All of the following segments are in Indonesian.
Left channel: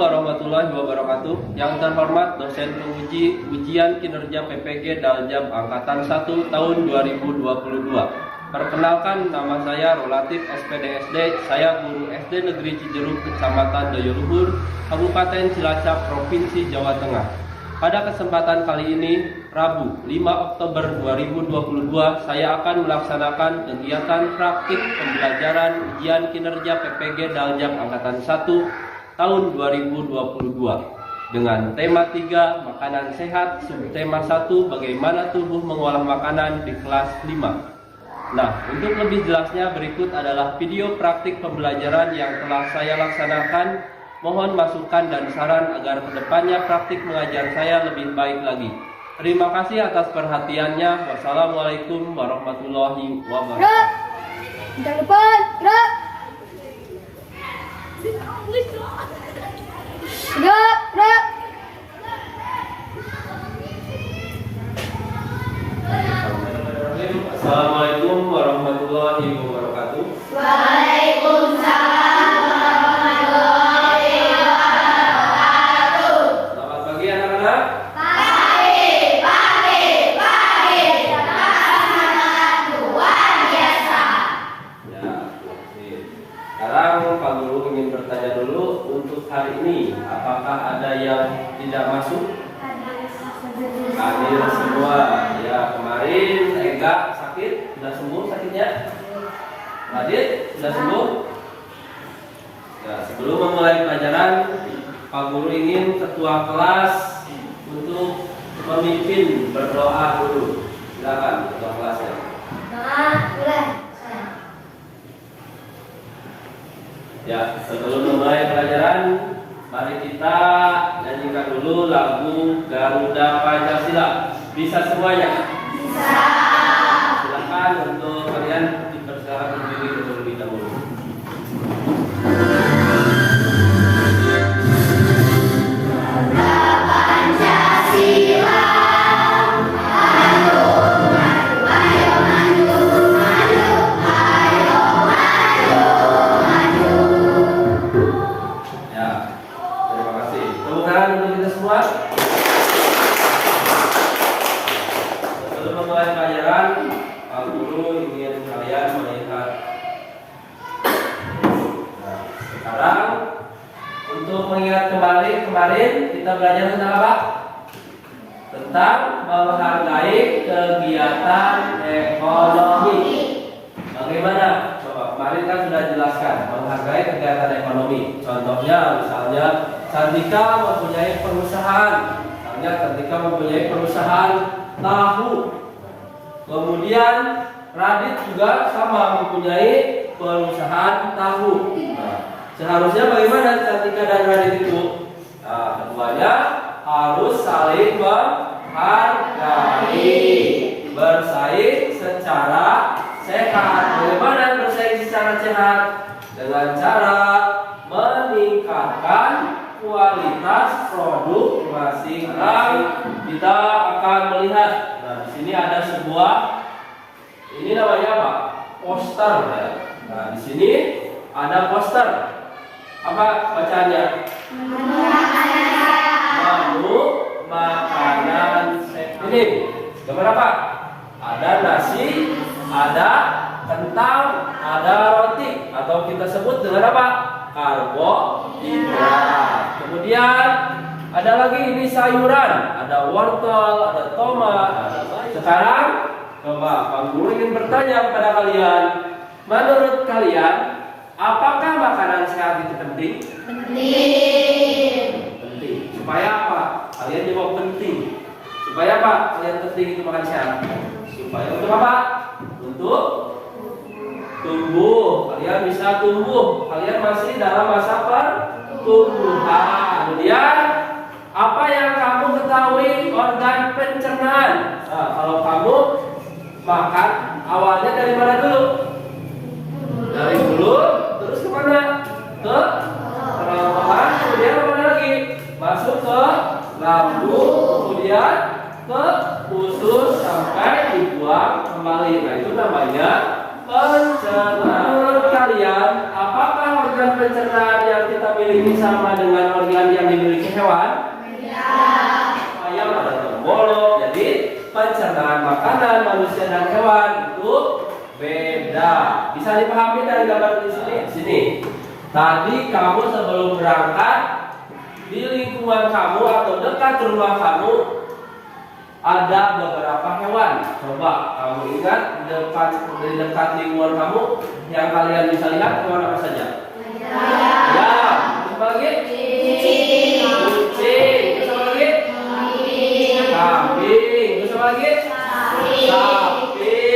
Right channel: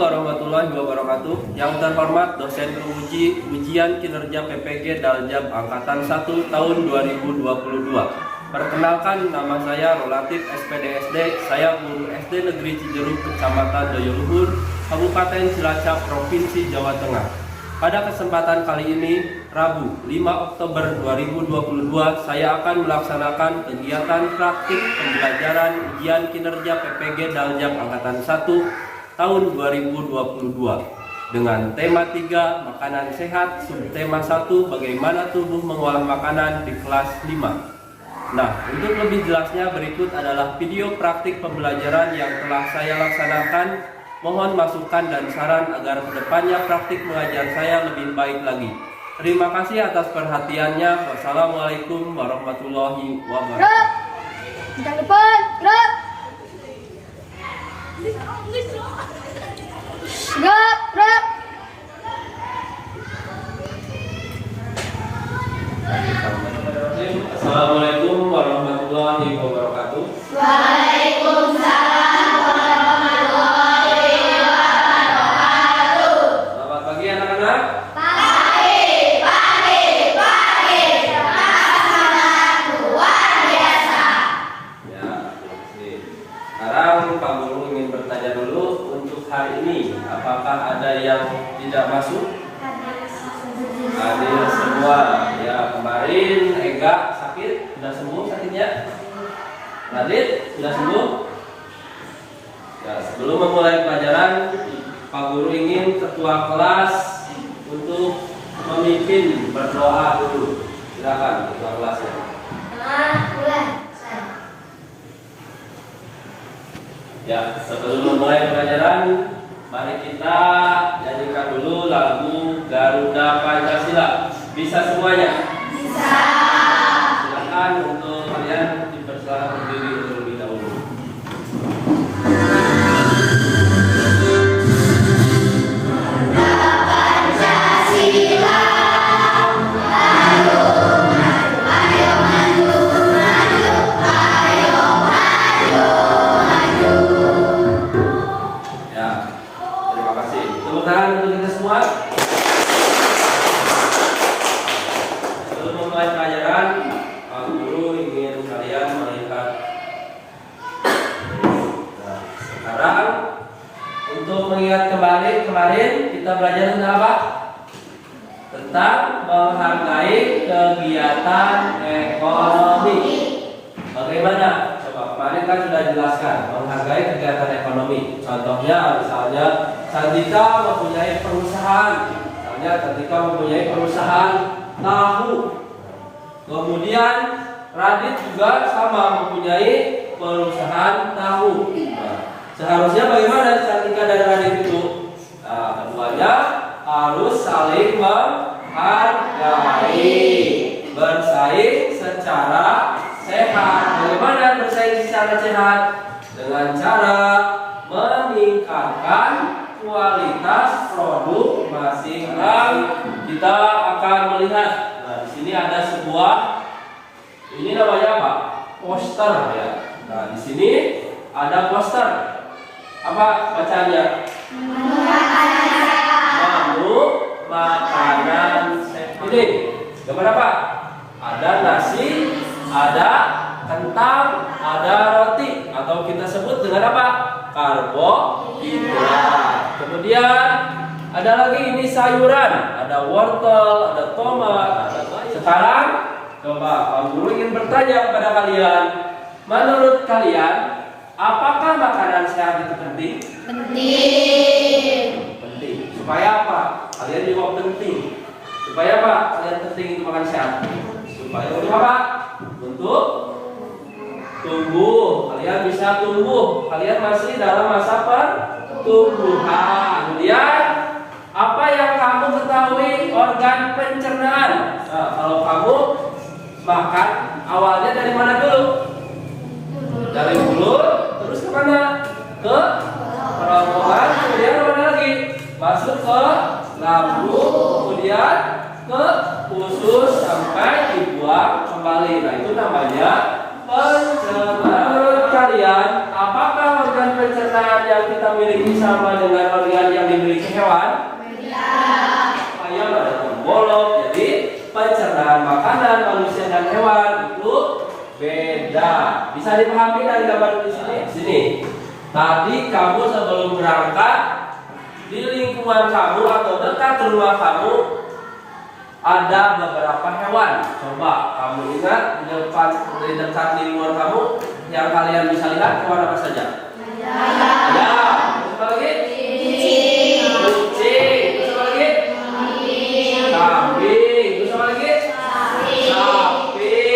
warahmatullahi wabarakatuh. Yang terhormat dosen penguji ujian kinerja PPG Daljab Angkatan 1 tahun 2022. Perkenalkan, nama saya Rolatif SPDSD. Saya guru SD Negeri Cijeruk, Kecamatan Dayoluhur, Kabupaten Cilacap, Provinsi Jawa Tengah. Pada kesempatan kali ini, Rabu 5 Oktober 2022, saya akan melaksanakan kegiatan praktik pembelajaran ujian kinerja PPG Daljab Angkatan 1 tahun 2022 dengan tema 3 makanan sehat, subtema 1 bagaimana tubuh mengolah makanan di kelas 5. Nah, untuk lebih jelasnya berikut adalah video praktik pembelajaran yang telah saya laksanakan. Mohon masukan dan saran agar kedepannya praktik mengajar saya lebih baik lagi. Terima kasih atas perhatiannya. Wassalamualaikum warahmatullahi wabarakatuh. Jangan lupa gerak. Gerak. Assalamualaikum warahmatullahi wabarakatuh. Waalaikumsalam warahmatullahi wabarakatuh. Selamat pagi anak-anak. Pagi. Sangat luar biasa. Ya, terima kasih. Sekarang Pak Guru ingin bertanya dulu, untuk hari ini apakah ada yang tidak masuk? Hadir semua. Ya, kemarin Ega sakit, sudah sembuh sakitnya? Radit, sudah sembuh? Ya, sebelum memulai pelajaran, Pak Guru ingin ketua kelas untuk memimpin berdoa dulu. Silakan ketua kelasnya. Mulai. Ya, sebelum memulai pelajaran, mari kita nyanyikan dulu lagu Garuda Pancasila. Bisa semuanya? Bisa. Silakan untuk kalian dipersilakan berdiri terlebih dahulu. Kemarin kita belajar tentang apa? Tentang menghargai kegiatan ekonomi. Bagaimana? Coba, kemarin kan sudah jelaskan menghargai kegiatan ekonomi. Contohnya, misalnya Cantika mempunyai perusahaan. Tahu. Kemudian Radit juga sama mempunyai perusahaan tahu. Nah, seharusnya bagaimana Cantika dan Radit itu? Nah, keduanya harus saling menghargai, bersaing secara sehat. Bagaimana bersaing secara sehat? Dengan cara meningkatkan kualitas produk masing-masing. Kita akan melihat. Nah, di sini ada sebuah, ini namanya apa? Poster ya. Nah, di sini ada poster. Apa bacaannya? Makanan sehat. Ini gambar apa? Ada nasi, ada kentang, ada roti, atau kita sebut dengan apa? Karbohidrat. Kemudian ada lagi ini sayuran, ada wortel, ada tomat, ada bayam. Sekarang coba Pak Guru ingin bertanya kepada kalian, menurut kalian apakah makanan sehat itu penting? Penting. Supaya apa? Kalian jawab penting. Supaya apa? Kalian penting itu makan sehat. Supaya untuk apa? Untuk tumbuh. Kalian bisa tumbuh. Kalian masih dalam masa pertumbuhan. Kemudian apa yang kamu ketahui organ pencernaan? Nah, kalau kamu makan awalnya dari mana dulu? Dari mulut, terus kemana? Ke kerongkongan, kemudian kemana lagi? Masuk ke lambung, kemudian ke usus sampai dibuang kembali. Nah, itu namanya pencernaan. Menurut kalian, apakah organ organ pencernaan yang kita miliki sama dengan organ yang dimiliki hewan? Ayam ada pembolok, jadi pencernaan makanan manusia dan hewan itu beda. Bisa dipahami dari gambar di sini? Sini. Tadi kamu sebelum berangkat di lingkungan kamu atau dekat rumah kamu ada beberapa hewan. Coba kamu ingat di dekat lingkungan kamu yang kalian bisa lihat hewan apa saja? Ayam. Terus apa lagi? Kucing. Terus apa lagi? Kambing. Terus apa lagi? Sapi.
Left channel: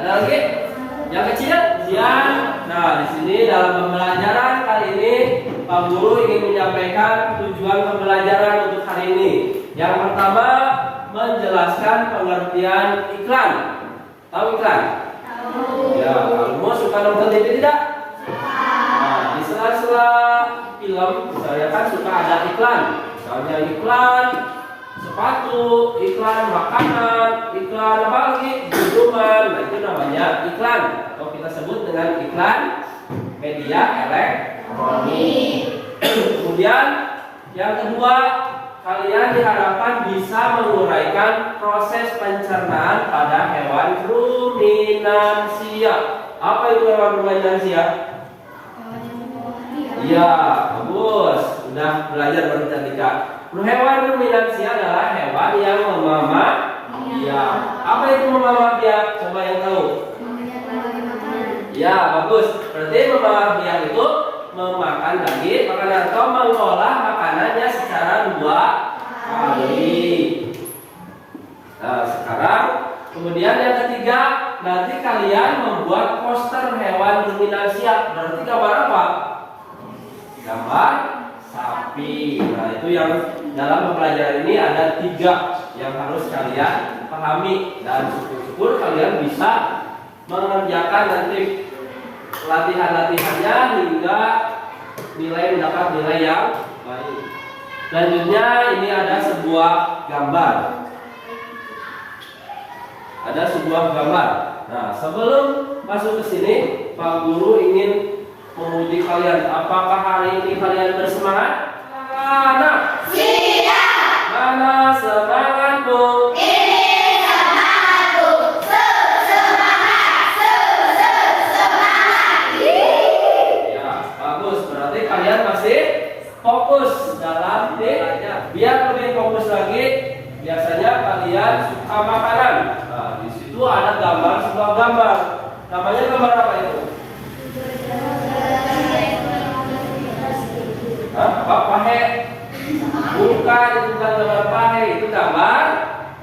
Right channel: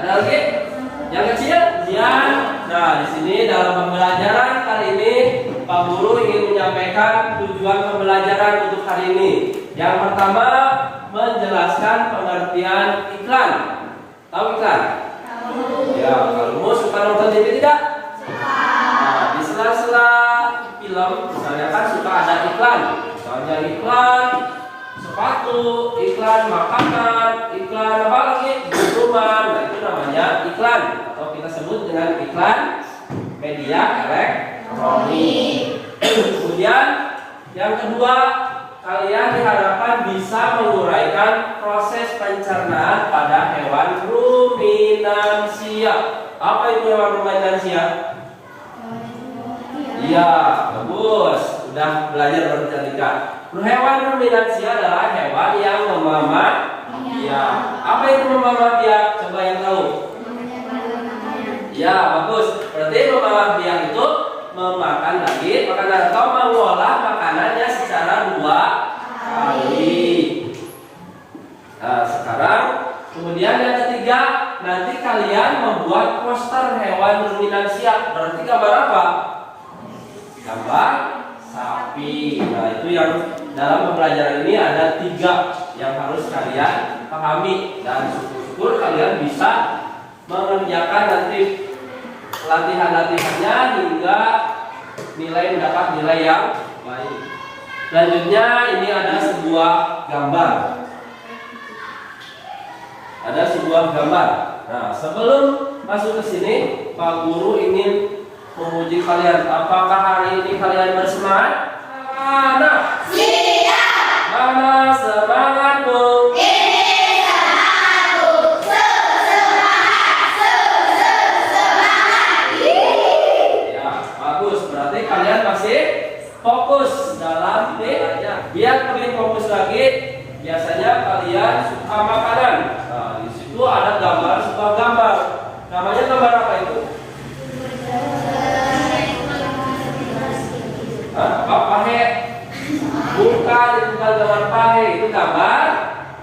Ada lagi? Yang kecil? Ian. Nah, di sini dalam pembelajaran kali ini Pak Guru ingin menyampaikan tujuan pembelajaran untuk hari ini. Yang pertama, menjelaskan pengertian iklan. Tahu iklan? Ya, kalau suka nonton TV tidak? Nah, di sela-sela film, misalnya kan suka ada iklan. Misalnya iklan sepatu, iklan makanan, iklan apa lagi? Minuman. Nah, itu namanya iklan atau kita sebut dengan iklan media elektronik. Kemudian yang kedua, kalian diharapkan bisa menguraikan proses pencernaan pada hewan ruminansia. Apa itu hewan ruminansia? Iya, bagus. Sudah belajar bercerita. Hewan ruminansia adalah hewan yang memamak biak. Apa itu memamak biak? Coba yang tahu. Ya, bagus. Berarti memamak biak itu memakan daging makanan atau mengolah makanannya secara 2 kali. Nah, sekarang kemudian yang ketiga, nanti kalian membuat poster hewan ruminansia. Berarti gambar apa? Gambar sapi. Nah, itu yang dalam pembelajaran ini ada 3 yang harus kalian pahami dan syukur-syukur kalian bisa mengerjakan nanti latihan-latihannya hingga mendapat nilai yang baik. Selanjutnya ini ada sebuah gambar. Nah, sebelum masuk ke sini, Pak Guru ingin menguji kalian. Apakah hari ini kalian bersemangat? Mana? Siap. Mana semangatmu? Ini semangatku. Semangat. Ya, bagus. Berarti kalian masih fokus dalam belajarnya. Biar lebih fokus lagi, biasanya kalian suka makanan. Nah, di situ ada sebuah gambar. Namanya gambar apa itu? Apa pahe? Bukan, itu bukan gambar pahe, itu gambar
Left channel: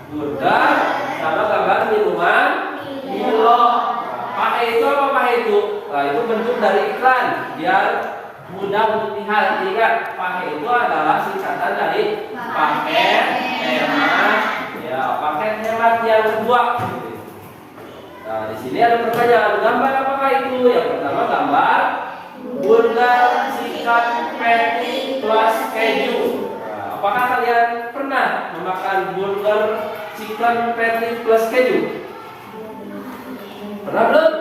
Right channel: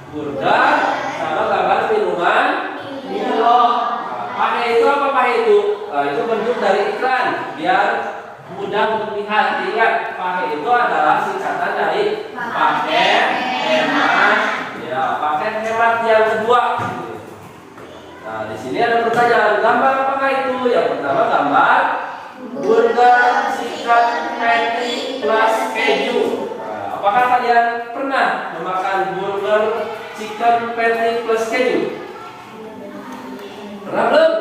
burger sama gambar minuman Milo. Pahe itu apa pahe itu? Nah, itu bentuk dari iklan biar mudah untuk dilihat. Ingat, pahe itu adalah singkatan dari paket hemat. Ya, paket hemat yang kedua. Nah, di sini ada pertanyaan, gambar apakah itu? Yang pertama gambar burger chicken patty plus keju. Nah, apakah kalian pernah memakan burger chicken patty plus keju? Pernah belum?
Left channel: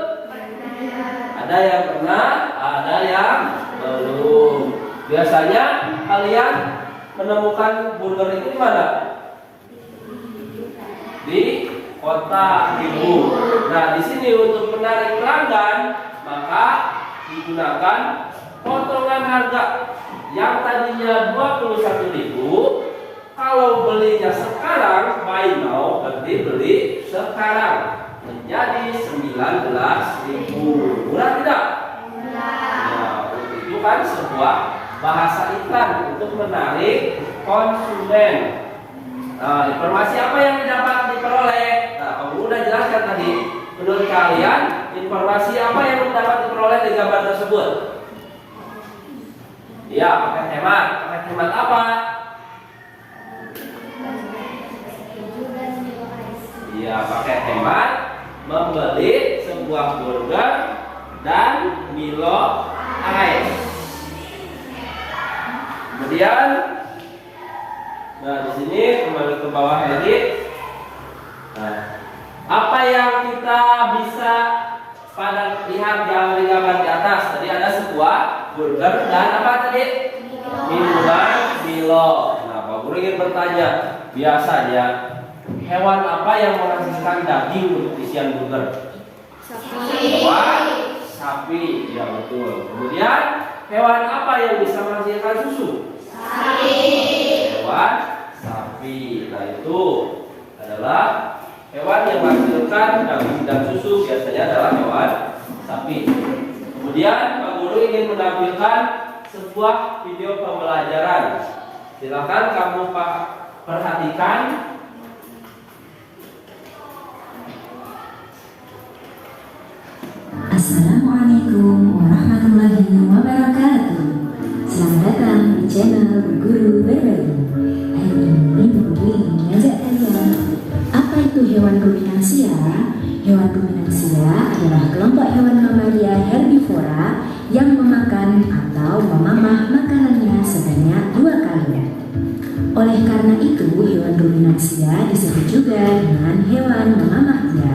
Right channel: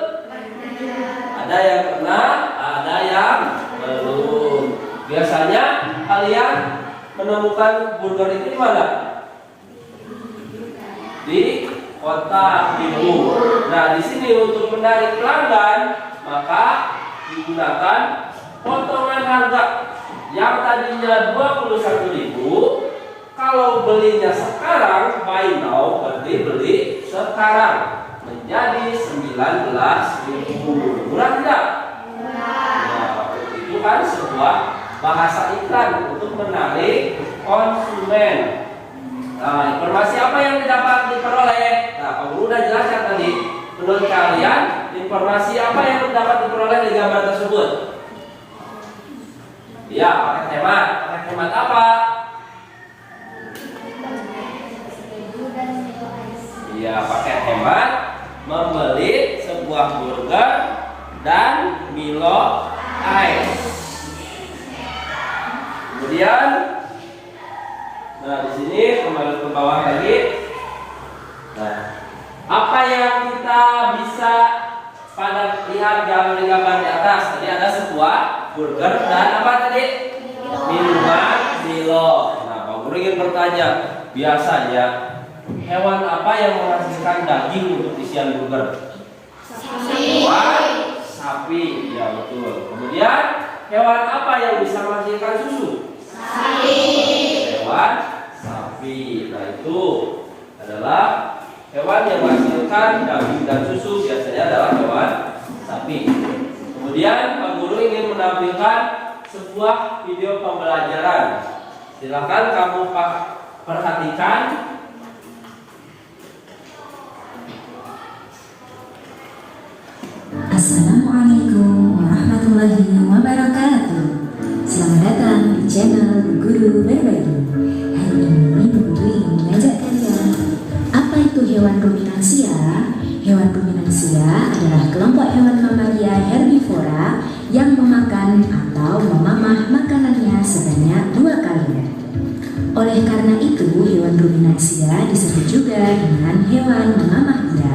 Ada yang pernah, ada yang belum. Biasanya kalian menemukan burger itu di mana? Di kota ibu. Nah, di sini untuk menarik pelanggan, maka digunakan potongan harga yang tadinya 21.000. Kalau belinya sekarang, buy now, berarti beli sekarang, menjadi 19.000. Murah tidak? Nah, itu kan sebuah bahasa iklan untuk menarik konsumen. Nah, informasi apa yang dapat diperoleh? Nah, Pak Guru sudah jelaskan tadi. Menurut kalian, informasi apa yang dapat diperoleh dari gambar tersebut? Ya, paket hemat. Paket hemat apa? Ya, paket hemat membeli sebuah burger dan Milo Ice. Kemudian, nah di sini kembali ke bawah lagi. Nah, apa yang kita bisa lihat lihat gambar di atas. Tadi ada sebuah burger dan apa tadi? Minuman Milo. Nah, Pak Guru ingin bertanya, biasanya hewan apa yang menghasilkan daging untuk isian burger? Hewan sapi, ya betul. Kemudian hewan apa yang bisa menghasilkan susu? Hewan sapi. Nah, itu adalah hewan yang menghasilkan daging dan susu, biasanya adalah hewan sapi. Kemudian Pak Guru ingin menampilkan sebuah video pembelajaran. Silakan kamu Pak perhatikan. Assalamualaikum warahmatullahi wabarakatuh. Selamat datang di channel Bu Guru Berbagi. Hari ini Bu Guru ingin mengajak kalian, apa itu hewan ruminansia? Hewan ruminansia adalah kelompok hewan mamalia herbivora yang memakan atau memamah makanannya sebanyak 2 kali. Oleh karena itu, hewan ruminansia disebut juga dengan hewan memamah dia.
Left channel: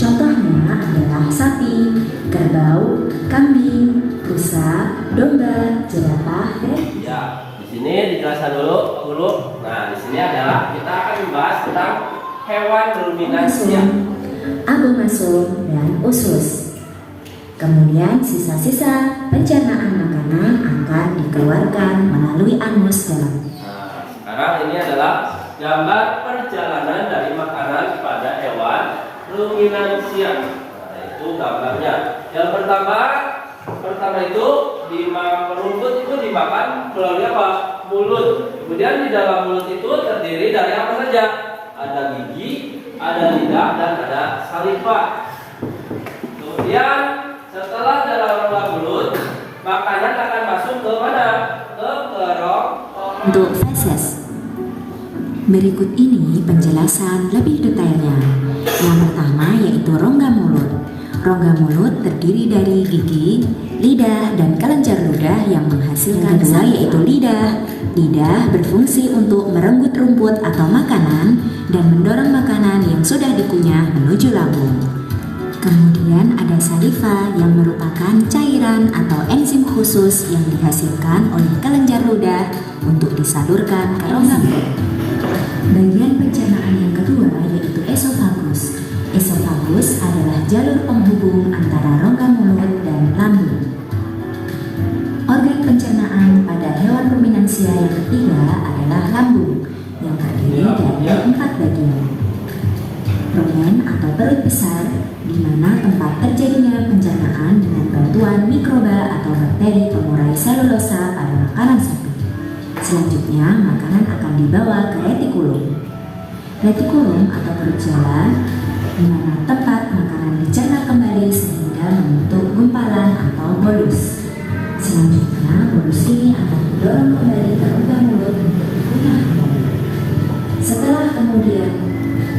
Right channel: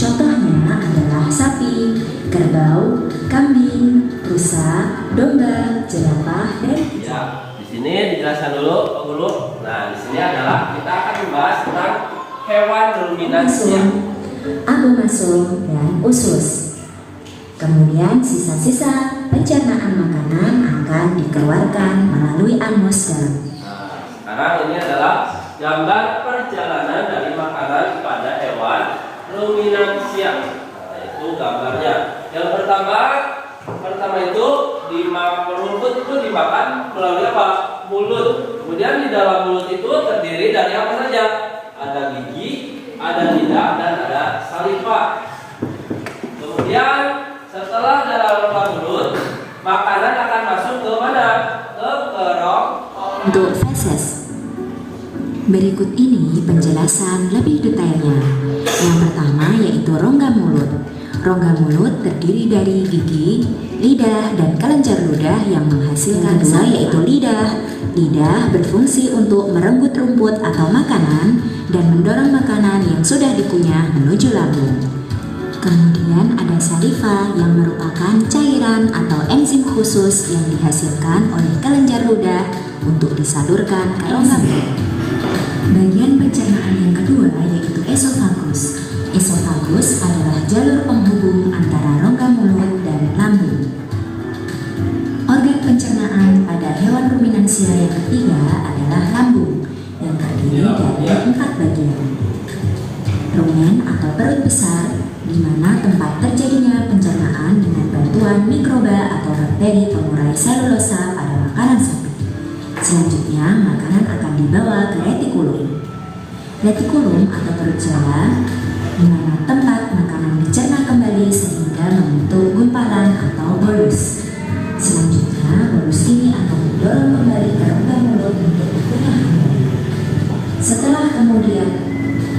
Contohnya adalah sapi, kerbau, kambing, rusa, domba, jerapah, dan Ya, di sini dijelaskan dulu Pak Guru. Nah, di sini adalah kita akan membahas tentang hewan ruminansia. abomasum, dan usus. Kemudian sisa-sisa pencernaan makanan akan dikeluarkan melalui anus dalam. Nah, sekarang ini adalah gambar perjalanan dari makanan kepada hewan ruminansia. Nah, itu gambarnya. Yang pertama itu rumput itu dimakan melalui apa? Mulut. Kemudian di dalam mulut itu terdiri dari apa saja? Ada gigi, ada lidah, dan ada saliva. Kemudian setelah dalam rongga mulut, makanan akan masuk ke mana? Ke kerongkongan. Untuk feses. Berikut ini penjelasan lebih detailnya. Yang pertama yaitu rongga mulut. Rongga mulut terdiri dari gigi, lidah, dan kelenjar ludah yang menghasilkan kedua yaitu lidah. Lidah berfungsi untuk merenggut rumput atau makanan dan mendorong makanan yang sudah dikunyah menuju lambung. Kemudian ada saliva yang merupakan cairan atau enzim khusus yang dihasilkan oleh kelenjar ludah untuk disalurkan ke rongga mulut. Bagian pencernaan yang kedua yaitu esofagus. Esofagus adalah jalur penghubung antara rongga mulut dan lambung. Organ pencernaan pada hewan ruminansia yang ketiga adalah lambung yang terdiri dari 4 bagian. Rumen atau perut besar, di mana tempat terjadinya pencernaan dengan bantuan mikroba atau bakteri pengurai selulosa pada makanan sapi. Selanjutnya, makanan akan dibawa ke retikulum. Retikulum atau perut jala, di mana tempat makanan dicerna kembali sehingga membentuk gumpalan atau bolus. Selanjutnya, bolus ini akan didorong kembali ke rongga mulut untuk dikunyah kembali. Setelah kemudian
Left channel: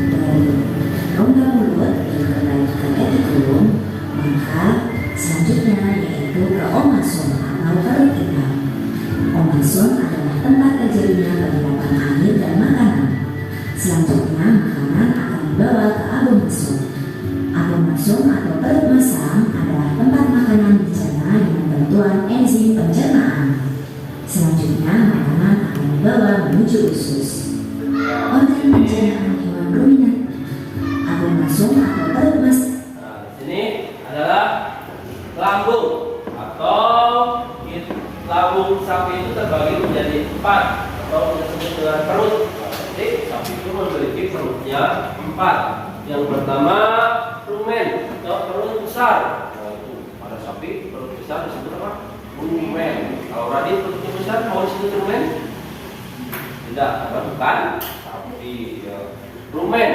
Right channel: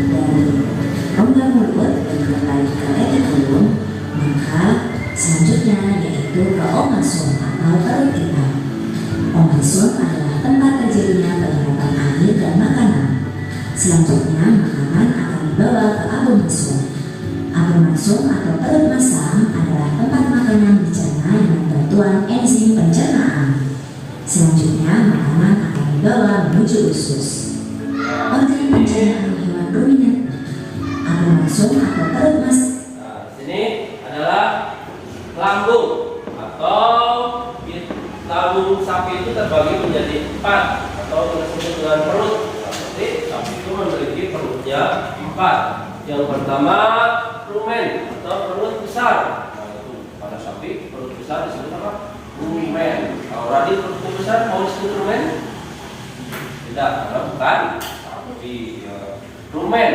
dari rongga mulut kembali ke retikulum, maka selanjutnya yaitu ke omasum atau perut ikan. Omasum adalah tempat terjadinya penyerapan air dan makanan. Selanjutnya, makanan akan dibawa ke abomasum. Abomasum atau perut masam adalah tempat makanan dicerna dengan bantuan enzim pencernaan. Selanjutnya, makanan akan dibawa menuju usus. Organ pencernaan hewan ruminat. Abomasum atau perut masam. Nah, di sini adalah lambung atau lambung sapi itu terbagi menjadi 4 atau kita sebut dengan perut. Jadi sapi itu memiliki perutnya 4. Yang pertama rumen atau perut besar. Nah, itu pada sapi perut besar disebut apa? Rumen. Kalau tadi perut besar mau disebut rumen? Tidak, karena bukan sapi. Ya. Rumen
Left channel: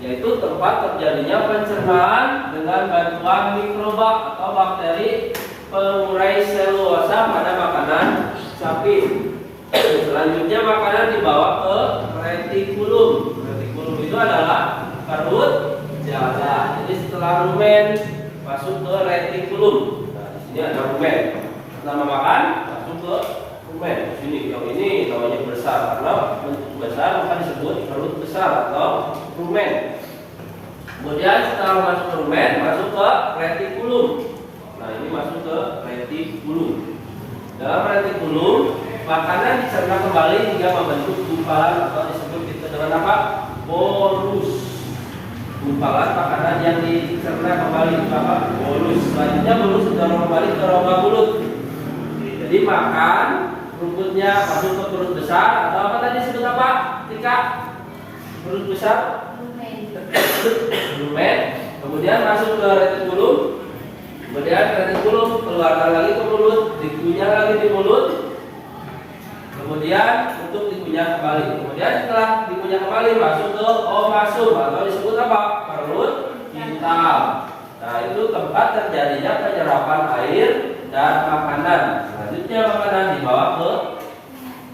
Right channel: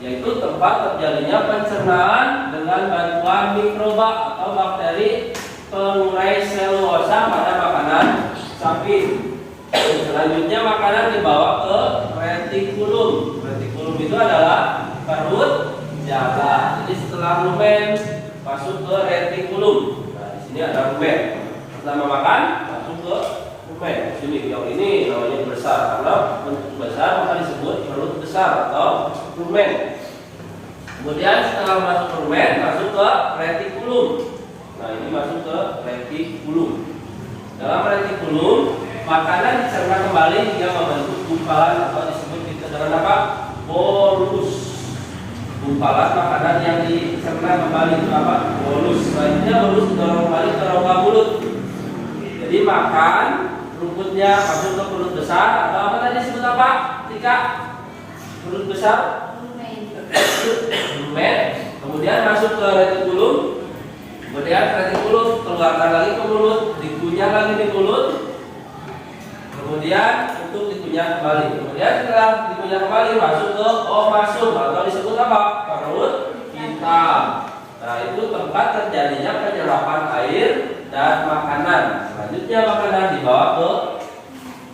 yaitu tempat terjadinya pencernaan dengan bantuan mikroba atau bakteri pengurai selulosa pada makanan sapi. Selanjutnya makanan dibawa ke retikulum. Retikulum itu adalah perut jala. Jadi setelah rumen masuk ke retikulum. Nah, di sini ada rumen. Setelah makan masuk ke rumen. Di sini yang ini namanya besar karena bentuk besar maka disebut perut besar atau rumen. Kemudian setelah masuk ke rumen masuk ke retikulum. masuk ke retikulum. Dalam retikulum, makanan dicerna kembali hingga membentuk gumpalan atau disebut kita dengan apa? Bolus. Gumpalan makanan yang dicerna kembali itu apa? Bolus. Selanjutnya bolus didorong kembali ke rongga mulut. Jadi makan, rumputnya masuk ke perut besar atau apa tadi disebut apa? Tika? Perut besar? Lumen. Kemudian masuk ke retikulum. Kemudian retikulum keluarkan lagi ke mulut, dikunyah lagi di mulut. Kemudian untuk dikunyah kembali. Kemudian setelah dikunyah kembali masuk ke omasum atau disebut apa? Perut hitam. Nah, itu tempat terjadinya penyerapan air dan makanan. Selanjutnya makanan dibawa ke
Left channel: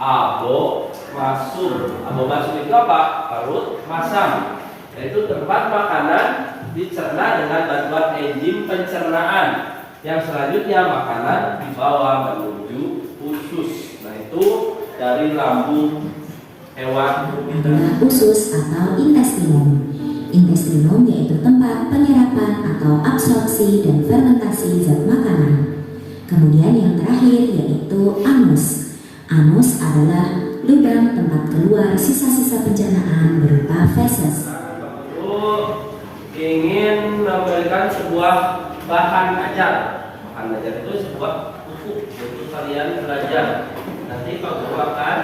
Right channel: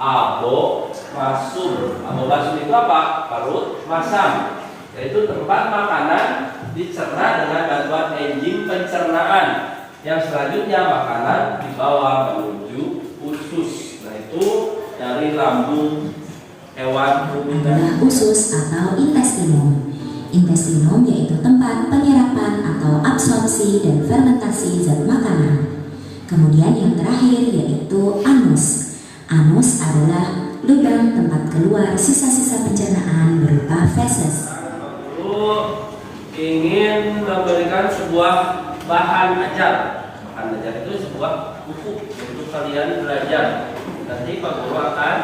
abomasum. Abomasum itu apa? Perut masam. Yaitu tempat makanan dicerna dengan bantuan enzim pencernaan. Yang selanjutnya makanan dibawa menuju usus. Nah, itu dari lambung hewan ruminant. adalah usus atau intestinum. Intestinum yaitu tempat penyerapan atau absorpsi dan fermentasi zat makanan. Kemudian yang terakhir yaitu anus. Anus adalah lubang tempat keluar sisa-sisa pencernaan berupa feses. Ingin memberikan sebuah bahan ajar. Bahan ajar itu sebuah buku untuk kalian belajar. Nanti Pak Guru akan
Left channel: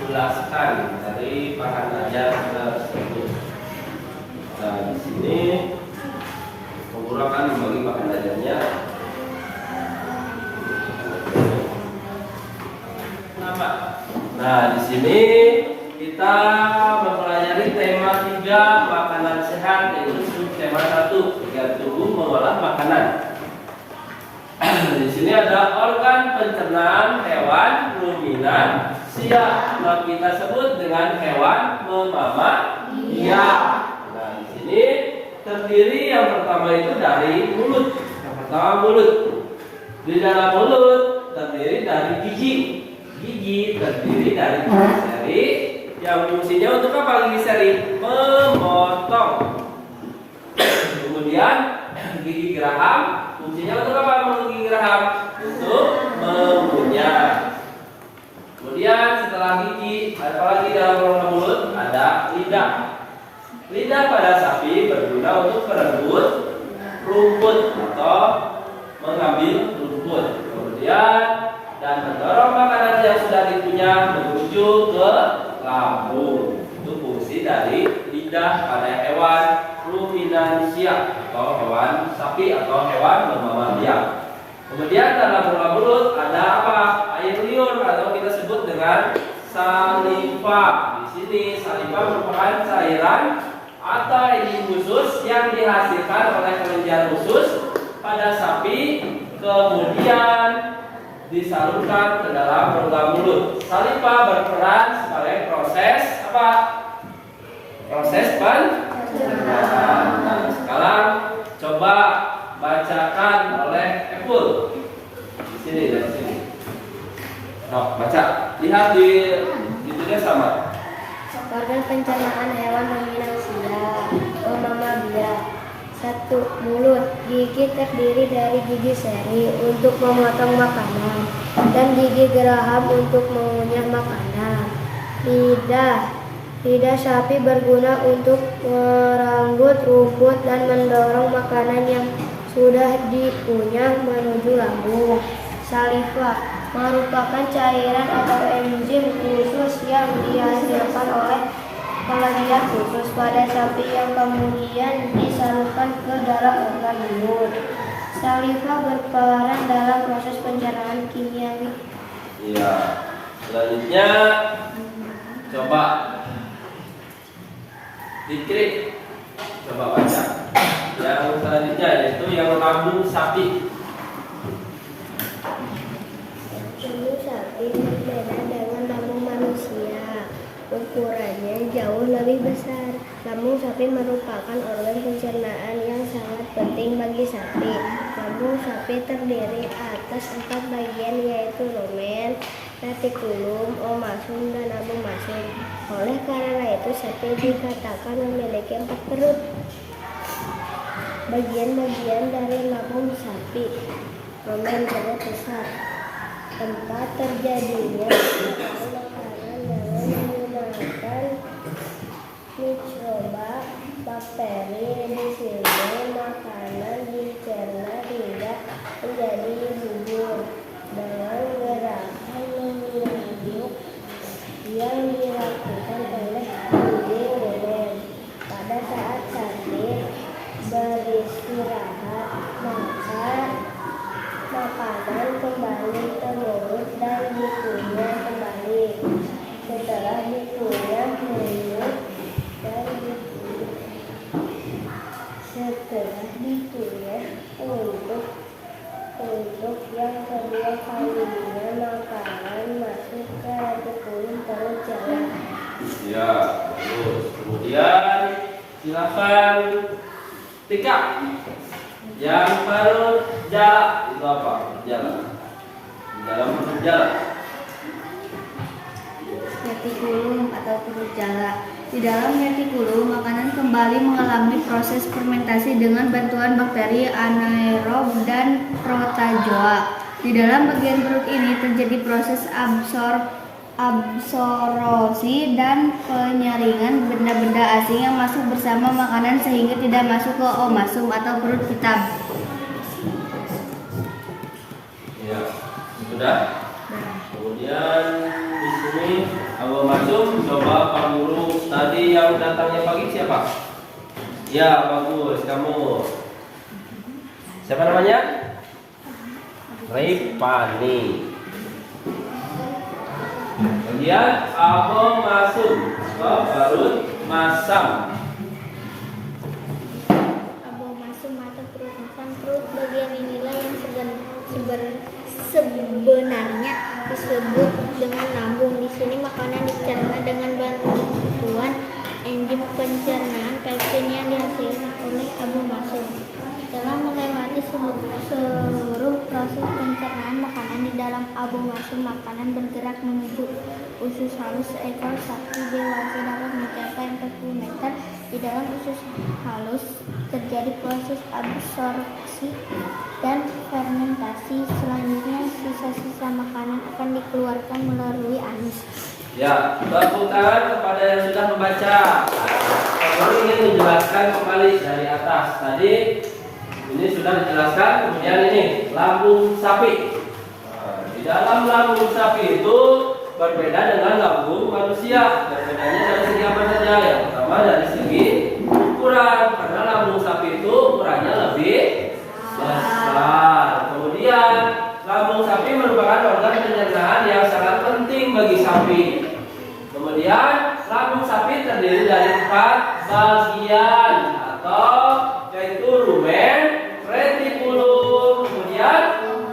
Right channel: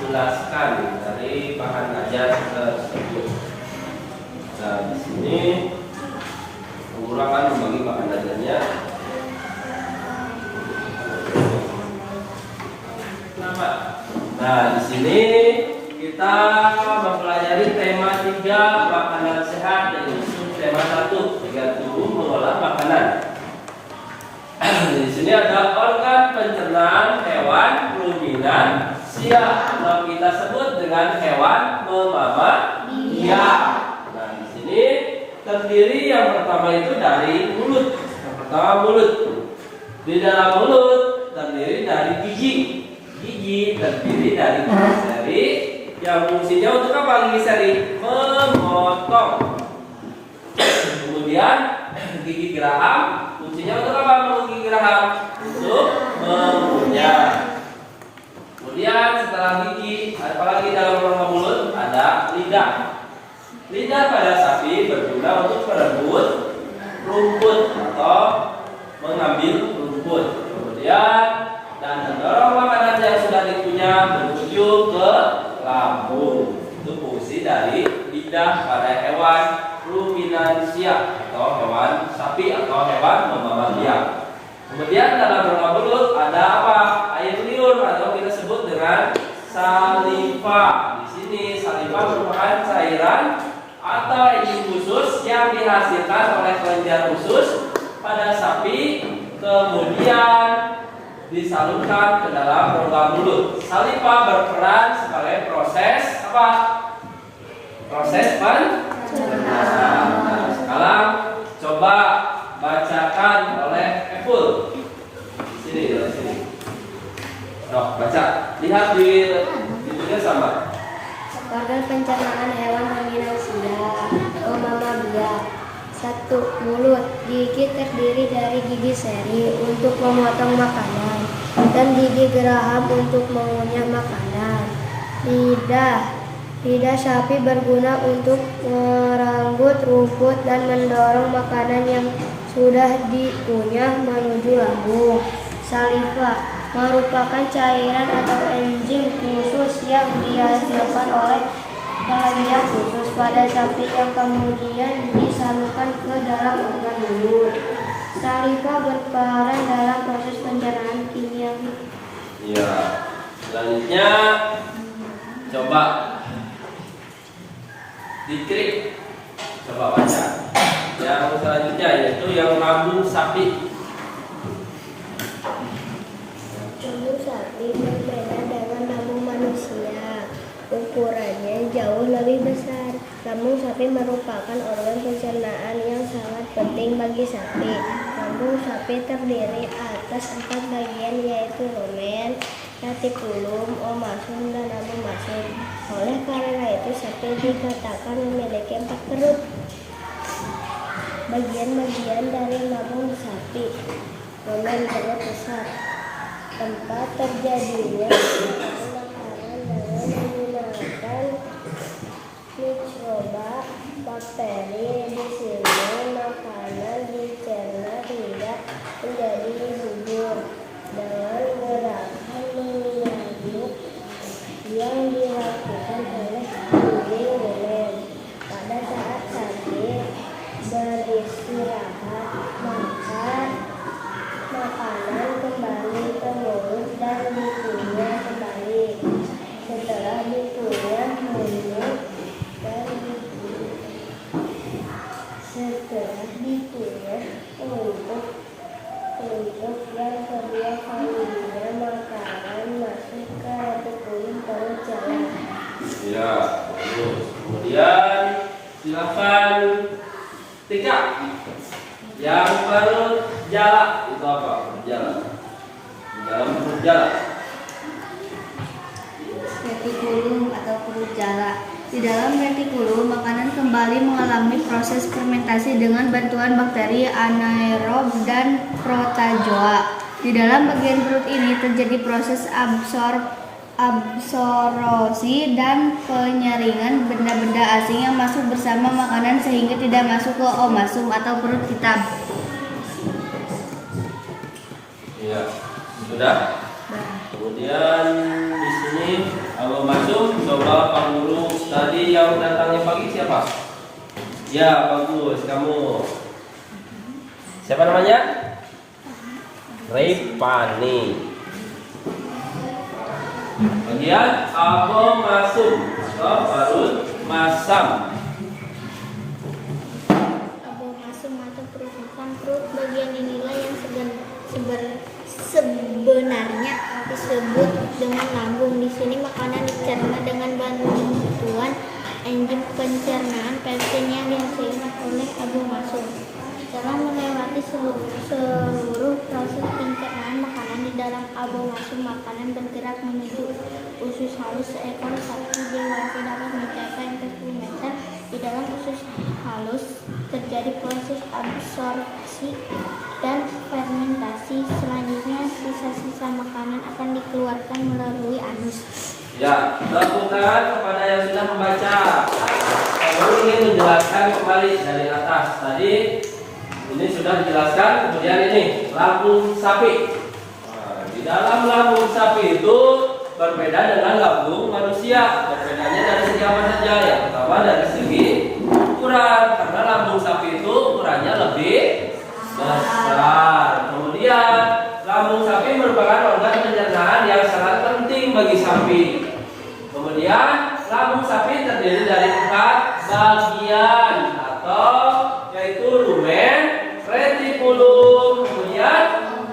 jelaskan dari bahan ajar tersebut. Nah, di sini Pak Guru akan membagi bahan ajarnya. Nah, di sini kita mempelajari tema 3 makanan sehat, yaitu tema 1 giat tubuh mengolah makanan. Di sini ada organ pencernaan hewan ruminan sia atau kita sebut dengan hewan mammalia. Nah, di sini terdiri yang pertama itu dari mulut. Yang pertama mulut. Di dalam mulut terdiri dari gigi. Gigi terdiri dari gigi seri yang fungsinya untuk apa gigi seri? Memotong. Kemudian gigi geraham fungsinya untuk apa gigi geraham? Untuk mengunyah. Kemudian setelah gigi, apalagi dalam rongga mulut ada lidah. Lidah pada sapi berguna untuk merebut rumput atau mengambil rumput. Kemudian dan mendorong makanan yang sudah dikunyah menuju ke lambung. Itu fungsi dari lidah pada hewan ruminansia atau hewan sapi atau hewan mammalia. Kemudian dalam rongga mulut ada apa? Air liur atau kita sebut dengan saliva. Di sini saliva merupakan cairan atau enzim khusus yang dihasilkan oleh kelenjar usus pada sapi, kemudian disalurkan ke dalam rongga mulut. Saliva berperan sebagai proses apa? Proses pencernaan. Nah, sekarang coba bacakan oleh Epul. Di sini, di sini. Oh, baca. Lihat di itunya sama. Organ pencernaan hewan ruminansia, mammalia. 1. Mulut. Gigi terdiri dari gigi seri untuk memotong makanan dan gigi geraham untuk mengunyah makanan. Lidah. Lidah sapi berguna untuk meranggut rumput dan mendorong makanan yang sudah dikunyah menuju lambung. Saliva merupakan cairan atau enzim khusus yang dihasilkan oleh kelenjar khusus pada sapi yang kemudian disalurkan ke dalam organ mulut. Saliva berperan dalam proses pencernaan kimiawi. Iya. Selanjutnya coba diklik. Coba baca. Yang selanjutnya yaitu yang lambung sapi. Lambung sapi berbeda dengan lambung manusia. Ukurannya jauh lebih besar. Lambung sapi merupakan organ pencernaan yang sangat penting bagi sapi. Lambung sapi terdiri atas 4 bagian yaitu lumen, retikulum, omasum, dan abomasum. Oleh karena itu sapi dikatakan memiliki 4 perut. Bagian-bagian dari lambung sapi. Lumen perut besar. Tempat terjadinya makanan dengan menggunakan mikroba bakteri. Di sini makanan dicerna tidak menjadi bubur dengan gerakan mengaduk yang dilakukan oleh dinding lumen. Pada saat sapi beristirahat, maka makanan kembali ke mulut dan dikunyah kembali. Setelah dikunyah mulut dan untuk yang kedua kalinya makanan masuk ke retikulum perut jalan. Ya, bagus. Kemudian silakan Tika. Yang perut jala itu apa? Jala. Dalam perut jala. Retikulum atau perut jala. Di dalam retikulum, makanan kembali mengalami proses fermentasi dengan bantuan bakteri anaerob dan protozoa. Di dalam bagian perut ini terjadi proses absorpsi dan penyaringan benda-benda asing yang masuk bersama makanan sehingga tidak masuk ke omasum atau perut kita. Iya, sudah. Kemudian di sini kalau masuk, coba Pak Guru tadi yang datangnya pagi siapa? Ya, bagus, kamu. Siapa namanya? Ripani. Kemudian Abo masuk ke perut masam. Abo masum atau perut masam. Perut bagian inilah yang sebenarnya disebut dengan lambung. Di sini makanan dicerna dengan bantuan enzim pencernaan pepsin yang dihasilkan oleh abo masum. Setelah melewati seluruh proses pencernaan makanan di dalam abo masum, makanan bergerak menuju usus halus seekor sapi dewasa dapat mencapai 40 meter. Di dalam usus halus terjadi proses absorpsi dan fermentasi. Selanjutnya sisa-sisa makanan akan dikeluarkan melalui anus. Ya, tepuk tangan kepada yang sudah membaca. Kalau ingin menjelaskan kembali dari atas tadi, ini sudah dijelaskan. Kemudian ini lambung sapi. Nah, di dalam lambung sapi itu berbeda dengan lambung manusia. Berbedanya dari segi apa saja? Yang pertama dari segi ukuran, karena lambung sapi itu ukurannya lebih besar. Kemudian lambung sapi merupakan organ pencernaan yang sangat penting bagi sapi. Kemudian lambung sapi terdiri dari 4 bagian atau yaitu lumen, retikulum, kemudian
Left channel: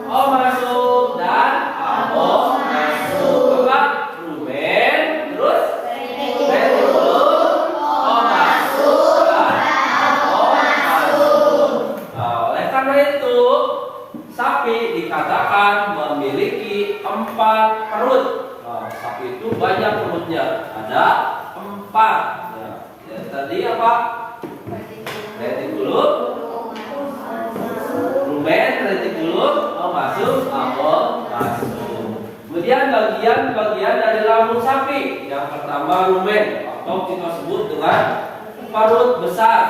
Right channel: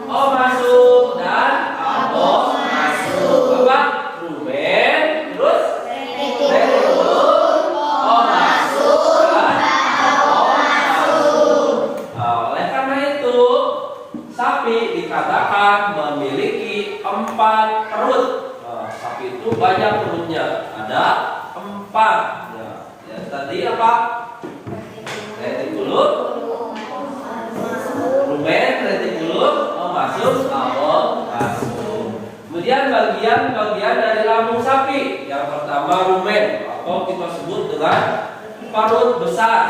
omasum dan abomasum. Apa? Lumen, terus retikulum, omasum dan abomasum. Oleh karena itu sapi dikatakan memiliki 4 perut. Sapi itu banyak perutnya, ada 4. Ya, tadi apa? Retikulum, lumen, retikulum, omasum, abomasum. Kemudian bagian-bagian dari lambung sapi. Yang pertama lumen atau kita sebut dengan perut besar.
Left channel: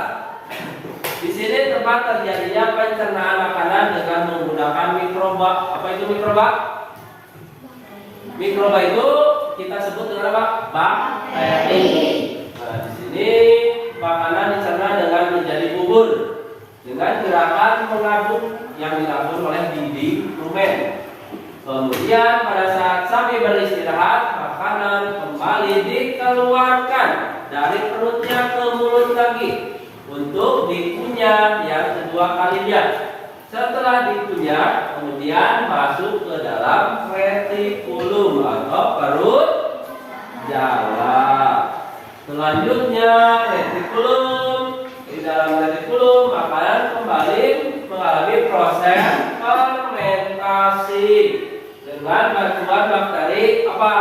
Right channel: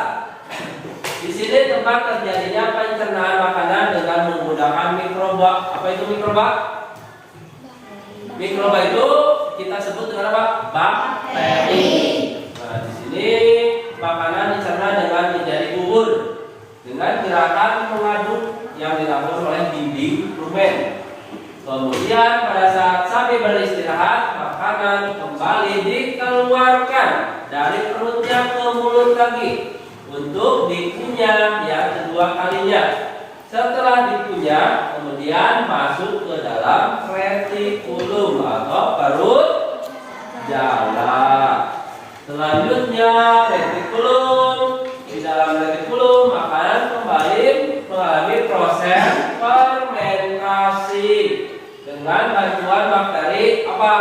Di sini tempat terjadinya pencernaan makanan dengan menggunakan mikroba. Apa itu mikroba? Mikroba itu kita sebut dengan apa? Bakteri. Nah, di sini makanan dicerna dengan menjadi bubur dengan gerakan mengaduk yang dilakukan oleh dinding lumen. Kemudian pada saat sapi beristirahat, makanan kembali dikeluarkan dari perutnya ke mulut lagi untuk dikunyah yang kedua kalinya. Setelah dikunyah, kemudian masuk ke dalam retikulum atau perut jala. Selanjutnya retikulum. Di dalam retikulum makanan kembali mengalami proses fermentasi dengan bantuan bakteri apa?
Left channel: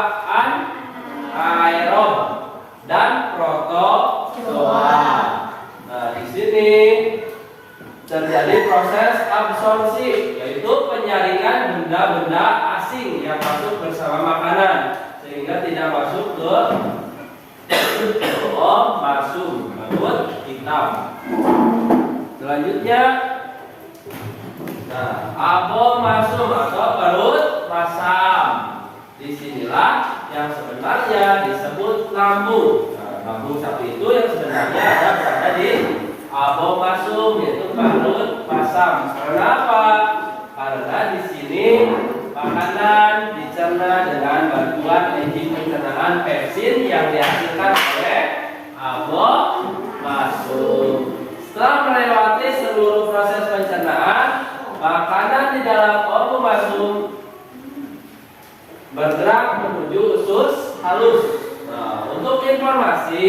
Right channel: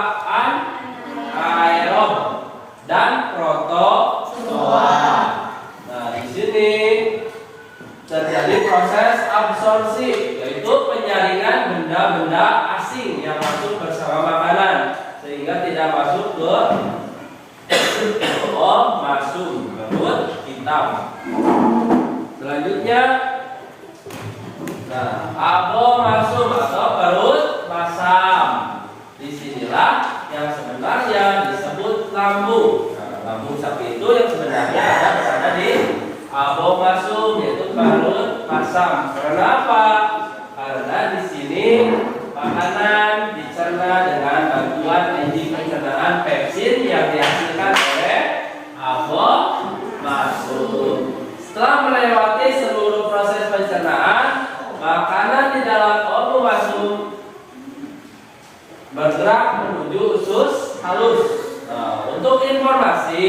Anaerob dan protozoa. Nah, di sini terjadi proses absorpsi, yaitu penyaringan benda-benda asing yang masuk bersama makanan sehingga tidak masuk ke masuk perut hitam. Selanjutnya, abomasum atau perut masam. Disinilah yang sebenarnya disebut lambung. Lambung sapi itu yang sebenarnya berada di abomasum, yaitu perut masam. Kenapa? Karena di sini makanan dicerna dengan bantuan enzim pencernaan pepsin yang dihasilkan oleh abomasum. Setelah melewati seluruh proses pencernaan, makanan di dalam abomasum bergerak menuju usus halus. Nah, untuk informasi,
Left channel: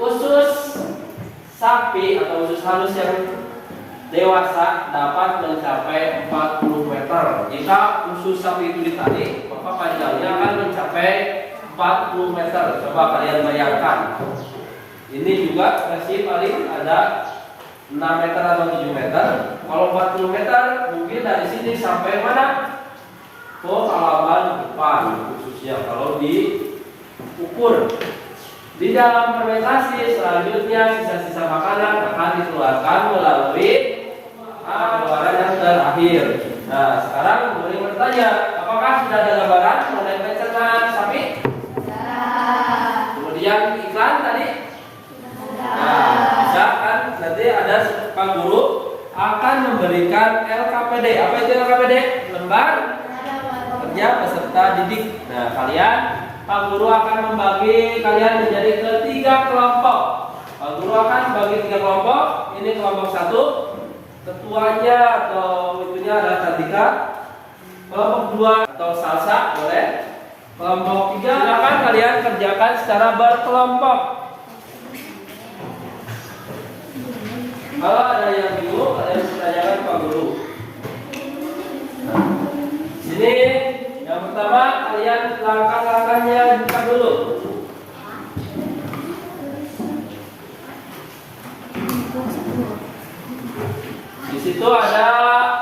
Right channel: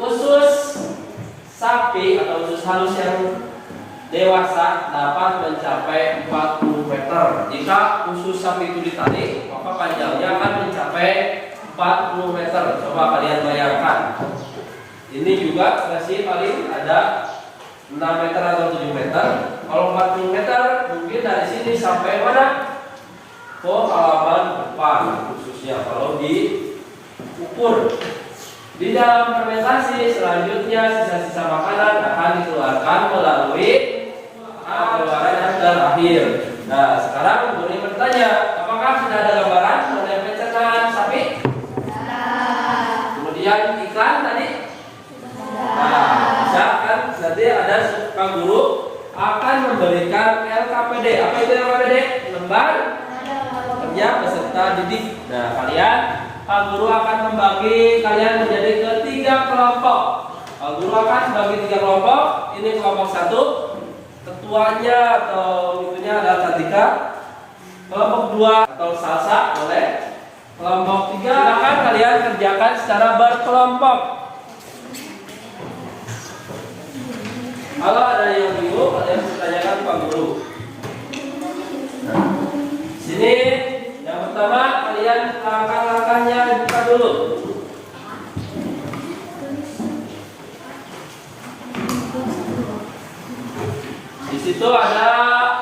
usus sapi atau usus halus yang dewasa dapat mencapai 40 meter. Jika usus sapi itu ditarik, maka panjangnya akan mencapai 40 meter. Coba kalian bayangkan. Ini juga versi paling ada 6 meter atau 7 meter. Kalau 40 meter, mungkin dari sini sampai mana? Ke halaman depan, khususnya kalau diukur. Di dalam fermentasi selanjutnya sisa-sisa makanan akan dikeluarkan melalui keluaran yang terakhir. Nah, sekarang boleh bertanya, apakah sudah ada gambaran mengenai pencernaan sapi? Kemudian ikan tadi? Nah, bisa kan? Jadi ada Pak Guru akan memberikan LKPD. Apa itu LKPD? Lembar kerja peserta didik. Nah, Pak Guru akan membagi kalian menjadi ketiga kelompok. Pak Guru akan membagi 3 kelompok. Ini kelompok 1, ketuanya atau itunya adalah Katika. Kelompok 2 atau Salsa boleh. Kelompok 3 akan kalian kerjakan secara berkelompok. Kalau ada yang bingung, kalian tanyakan Pak Guru. Sini. Yang pertama, kalian langkah-langkahnya buka dulu. Di situ ada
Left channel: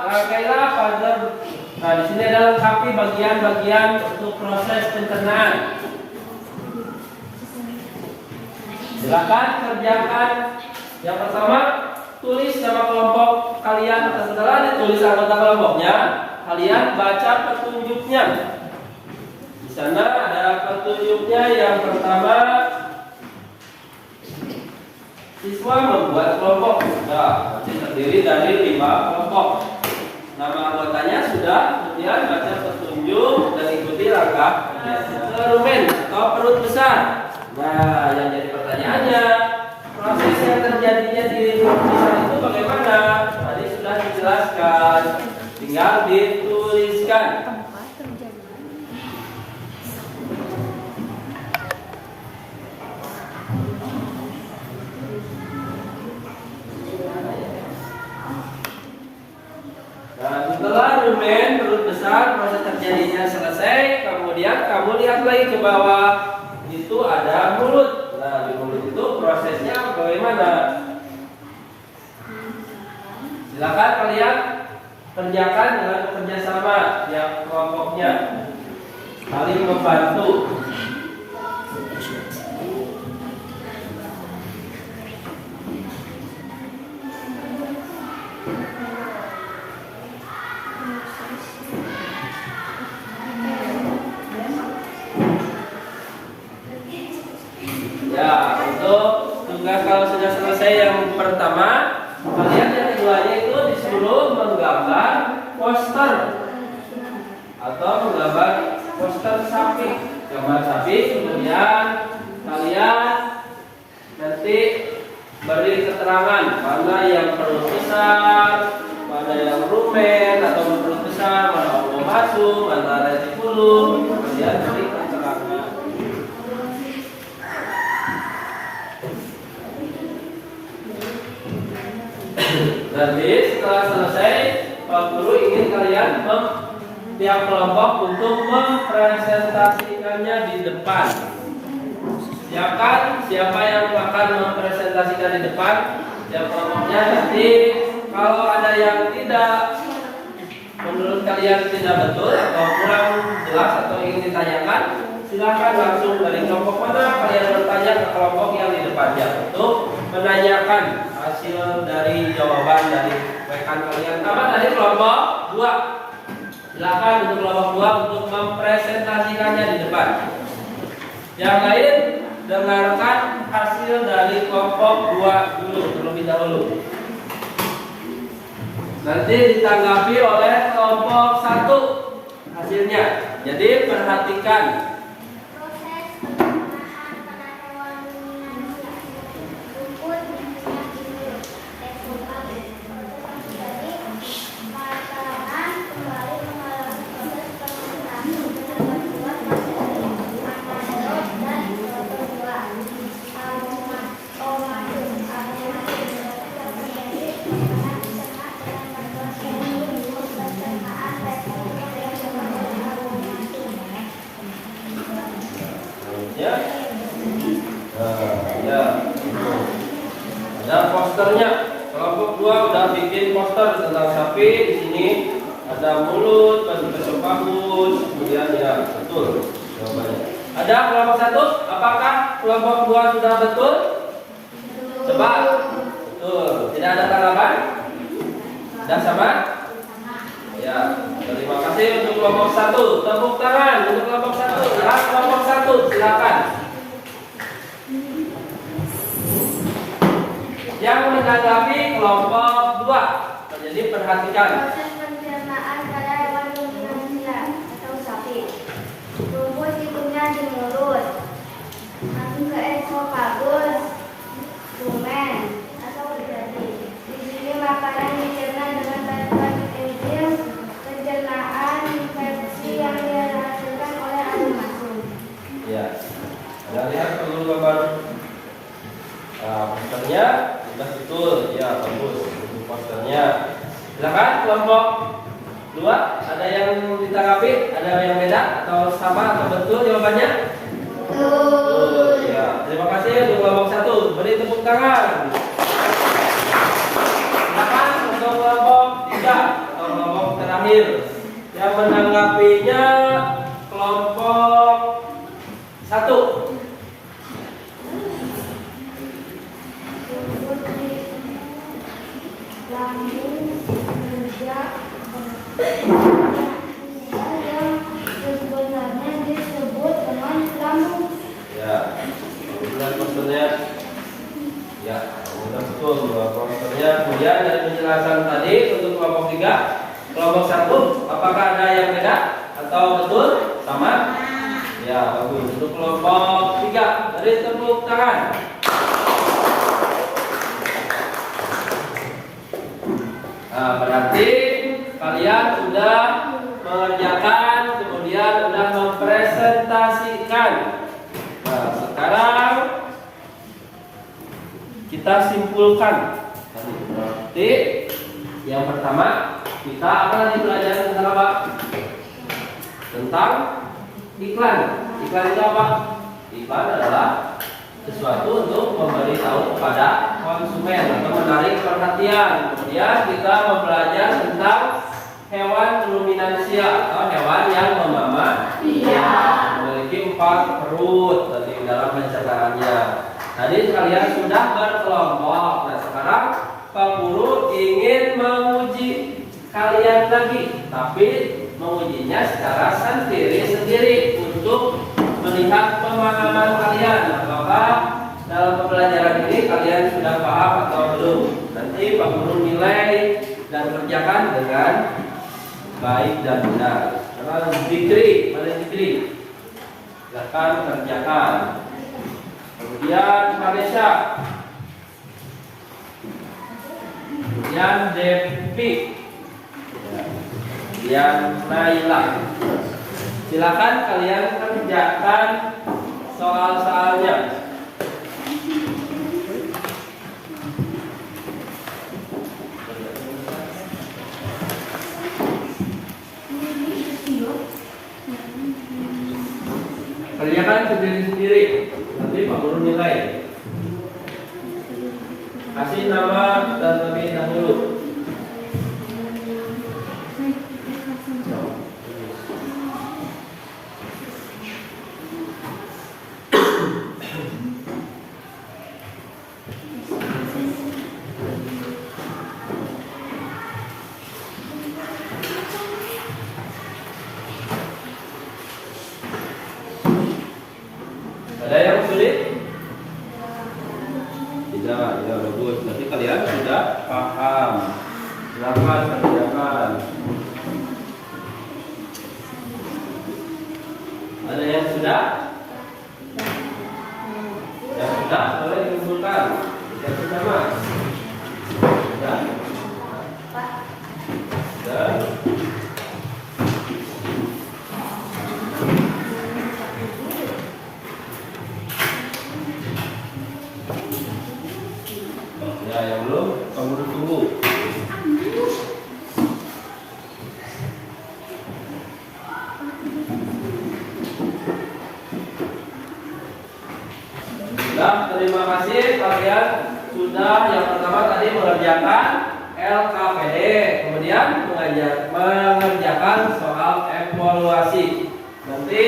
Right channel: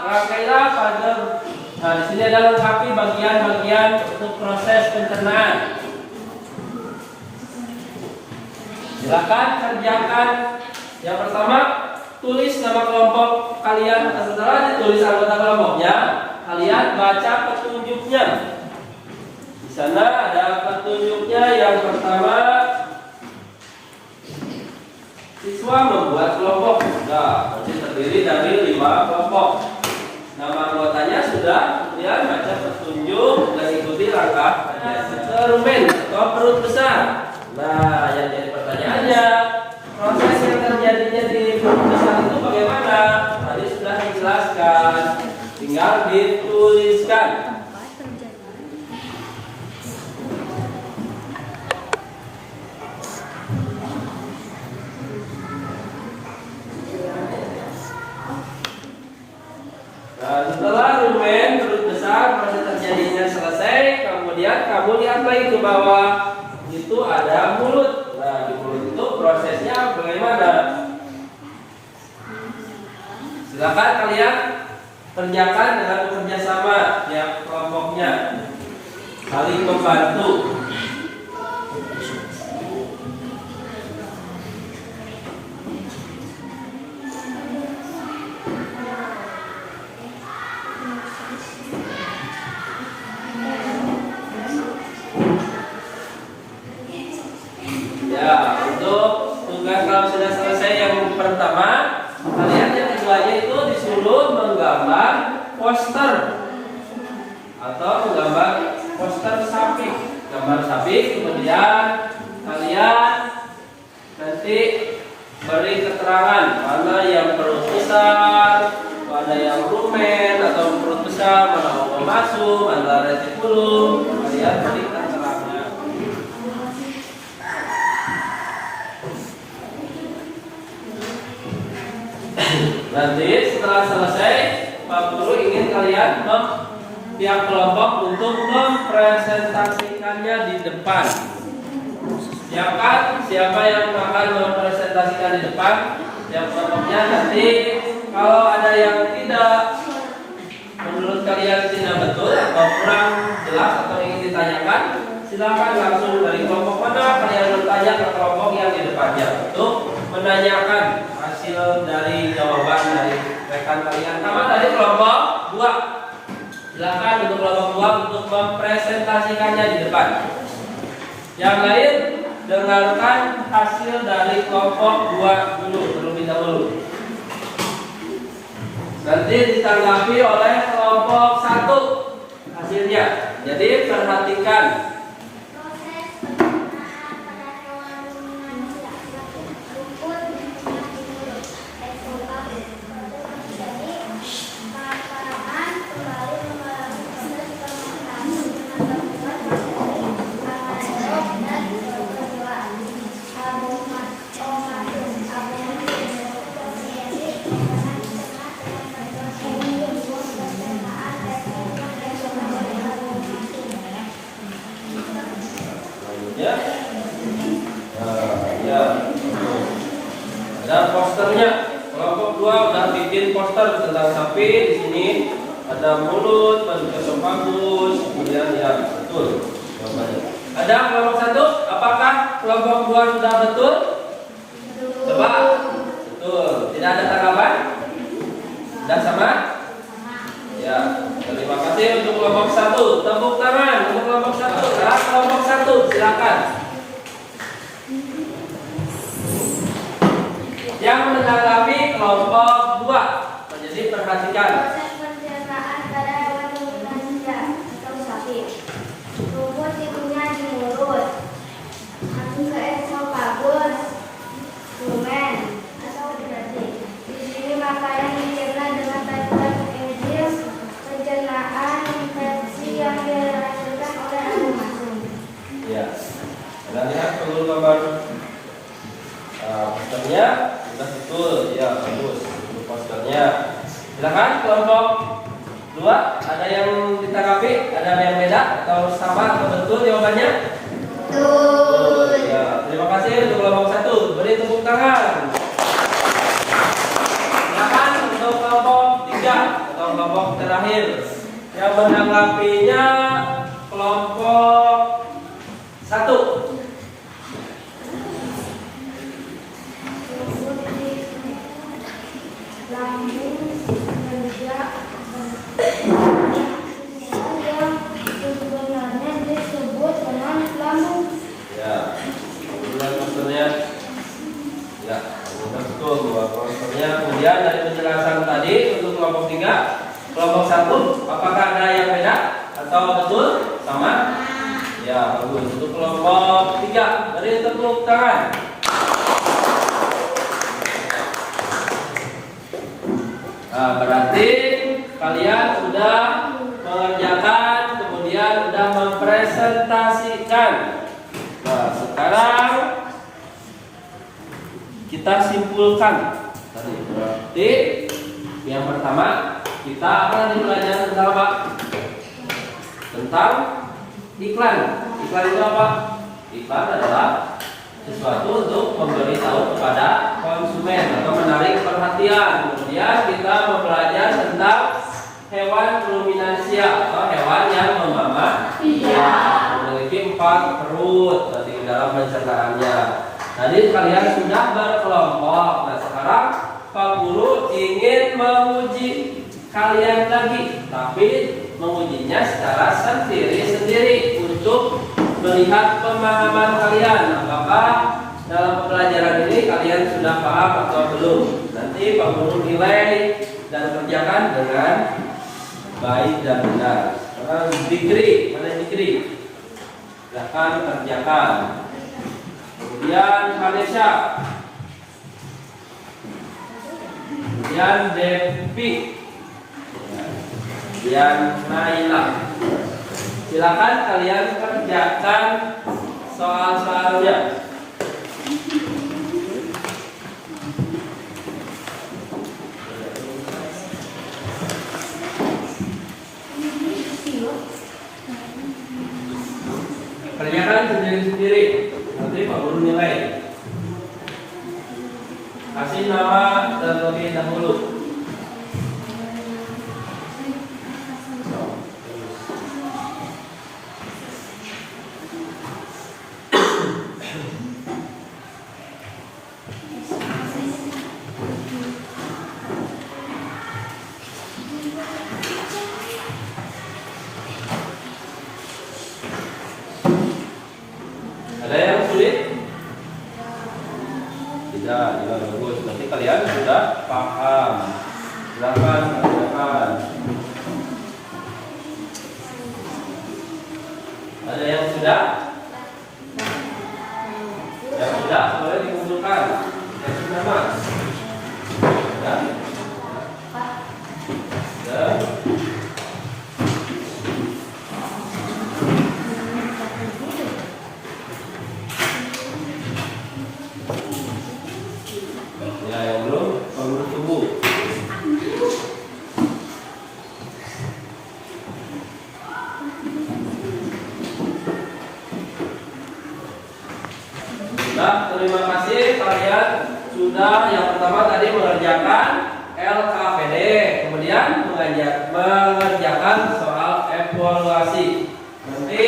rangkailah pada. Nah, di sini ada lengkapi bagian-bagian untuk proses pencernaan. Silakan kerjakan. Yang pertama, tulis nama kelompok kalian. Setelah ditulis anggota kelompoknya, kalian baca petunjuknya. Di sana ada petunjuknya. Yang pertama, siswa membuat kelompok. Sudah, nanti terdiri dari 5 kelompok. Nama anggotanya sudah. Kemudian baca petunjuk dan ikuti langkah. Rumen atau perut besar. Nah, yang jadi pertanyaannya, proses yang terjadinya di perut besar itu bagaimana? Tadi sudah dijelaskan. Tinggal dituliskan. Dan setelah rumen perut besar proses terjadinya selesai, kemudian kamu lihat lagi ke bawah, itu ada mulut. Nah, di mulut itu prosesnya bagaimana? Silakan kalian kerjakan dengan bekerja sama tiap kelompoknya, saling membantu. Ya, untuk tugas kalau sudah selesai yang pertama, kalian yang keduanya itu disuruh menggambar poster atau menggambar poster sapi, gambar sapi. Kemudian kalian nanti beri keterangan mana yang perut besar, mana yang rumen atau perut besar, mana abomasum, mana retikulum. Kalian beri keterangannya. Nanti setelah selesai, Pak Guru ingin kalian tiap kelompok untuk mempresentasikannya di depan. Siapkan siapa yang akan mempresentasikan di depan. Tiap kelompoknya nanti Kalau ada yang tidak menurut kalian tidak betul atau kurang jelas atau ingin ditanyakan, silakan langsung dari kelompok mana kalian bertanya ke kelompok yang di depannya untuk menanyakan hasil dari jawaban dari rekan kalian. Sama tadi kelompok 2. Silakan untuk kelompok 2 untuk mempresentasikannya di depan. Yang lain dengarkan hasil dari kelompok 2 dulu terlebih dahulu. Nanti ditanggapi oleh kelompok 1 hasilnya. Jadi perhatikan. Proses pencernaan pada hewan ruminansia, rumput, timun, eksofagus. Jadi perangan kembali mengalami proses fermentasi dengan bantuan bakteri anaerob dan protozoa. Abomasum terjadi karena dicerna dengan bantuan enzim pencernaan peptida yang dicerna oleh abomasum. Ya. Ya. Ada posternya. Kelompok 2 udah bikin poster tentang sapi. Di sini ada mulut, baju esophagus, kemudian ya betul jawabannya. Ada kelompok 1, apakah kelompok 2 sudah betul? Coba. Betul. Tidak ada tanggapan? Sudah sama? Ya. Terima kasih untuk kelompok 1. Tepuk tangan untuk kelompok 1. Nah, kelompok 1 silakan. Yang menanggapi kelompok 2. Jadi perhatikan. Proses pencernaan pada hewan ruminansia atau sapi. Rumput hidungnya di mulut, masuk ke esophagus, rumen atau jadi. Di sini makanan dicerna dengan bantuan enzim pencernaan pepsi yang dihasilkan oleh abomasum. Ya. Anda lihat perlu gambar posternya sudah betul. Ya, bagus. Untuk posternya. Silakan kelompok 2, ada yang ditanggapi, ada yang beda atau sama atau betul jawabannya? Betul. Ya, terima kasih untuk kelompok 1. Beri tepuk tangan. Silakan untuk kelompok 3 atau kelompok terakhir. Yang menanggapinya kelompok 1. Rumput di lambung kerja yang sebenarnya disebut dengan lambung. Ya, kemudian posternya. Ya, sudah betul posternya. Kemudian dari penjelasan tadi untuk kelompok 3, kelompok 1, apakah ada yang beda atau betul sama? Ya, bagus. Untuk kelompok 3, beri tepuk tangan. Nah, berarti kalian sudah mengerjakan, kemudian sudah mempresentasikan. Nah, sekarang kita simpulkan tadi. Berarti yang pertama kita akan belajar tentang apa? Tentang iklan. Iklan itu apa? Iklan adalah sesuatu untuk memberitahu kepada konsumen atau menarik perhatian. Kemudian kita belajar tentang hewan ruminansia atau hewan yang memamah. Memiliki 4 perut berarti dalam pencernaannya. Tadi kalian sudah berkelompok. Nah, sekarang Pak Guru ingin menguji kalian lagi, tapi mengujinya secara sendiri-sendiri untuk melihat pemahaman kalian. Apakah dalam pembelajaran ini kalian sudah paham atau belum? Nanti Pak Guru nilai dan kerjakan dengan baik dan benar. Sekarang Dikri, mana Dikri? Silahkan kerjakan. Kemudian Vanessa. Kemudian Devi. Kemudian Naila. Silakan kalian kerjakan soal-soalnya. Kerjakan sendiri-sendiri. Nanti Pak Guru nilai. Kasih nama terlebih dahulu. bagus. Berarti kalian sudah paham. Silakan kerjakan. Ada yang sudah? Yang sudah boleh dikumpulkan. Yang sudah mas? Sudah? Sudah? Ya, yang belum, kamu tunggu. Sudah, terima kasih kalian sudah yang pertama tadi mengerjakan LKPD, kemudian mengerjakan soal evaluasi. Nanti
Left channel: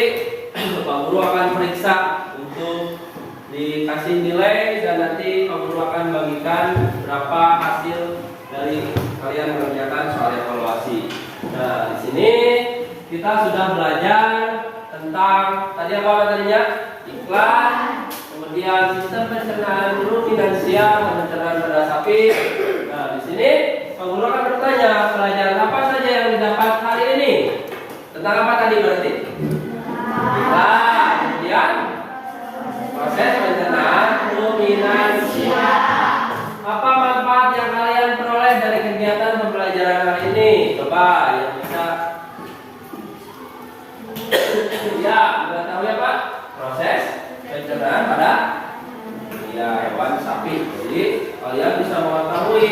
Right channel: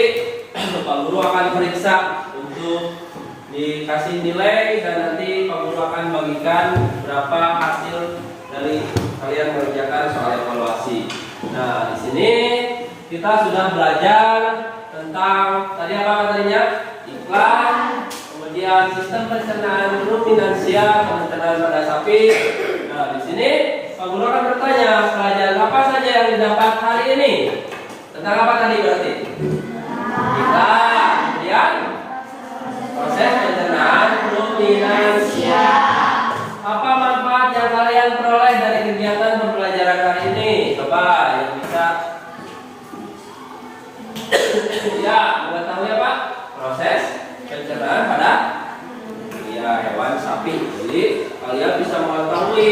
Pak Guru akan periksa untuk dikasih nilai dan nanti Pak Guru akan bagikan berapa hasil dari kalian mengerjakan soal evaluasi. Nah, di sini kita sudah belajar tentang tadi apa materinya? Iklan, kemudian sistem pencernaan ruminansia, pencernaan pada sapi. Nah, di sini Pak Guru akan bertanya, pelajaran apa saja yang didapat hari ini? Tentang apa tadi berarti? Iklan, kemudian proses pencernaan ruminansia. Apa manfaat yang kalian peroleh dari kegiatan pembelajaran hari ini? Coba yang bisa. Ya, mengetahui apa? Proses pencernaan pada hewan sapi. Jadi kalian bisa mengetahui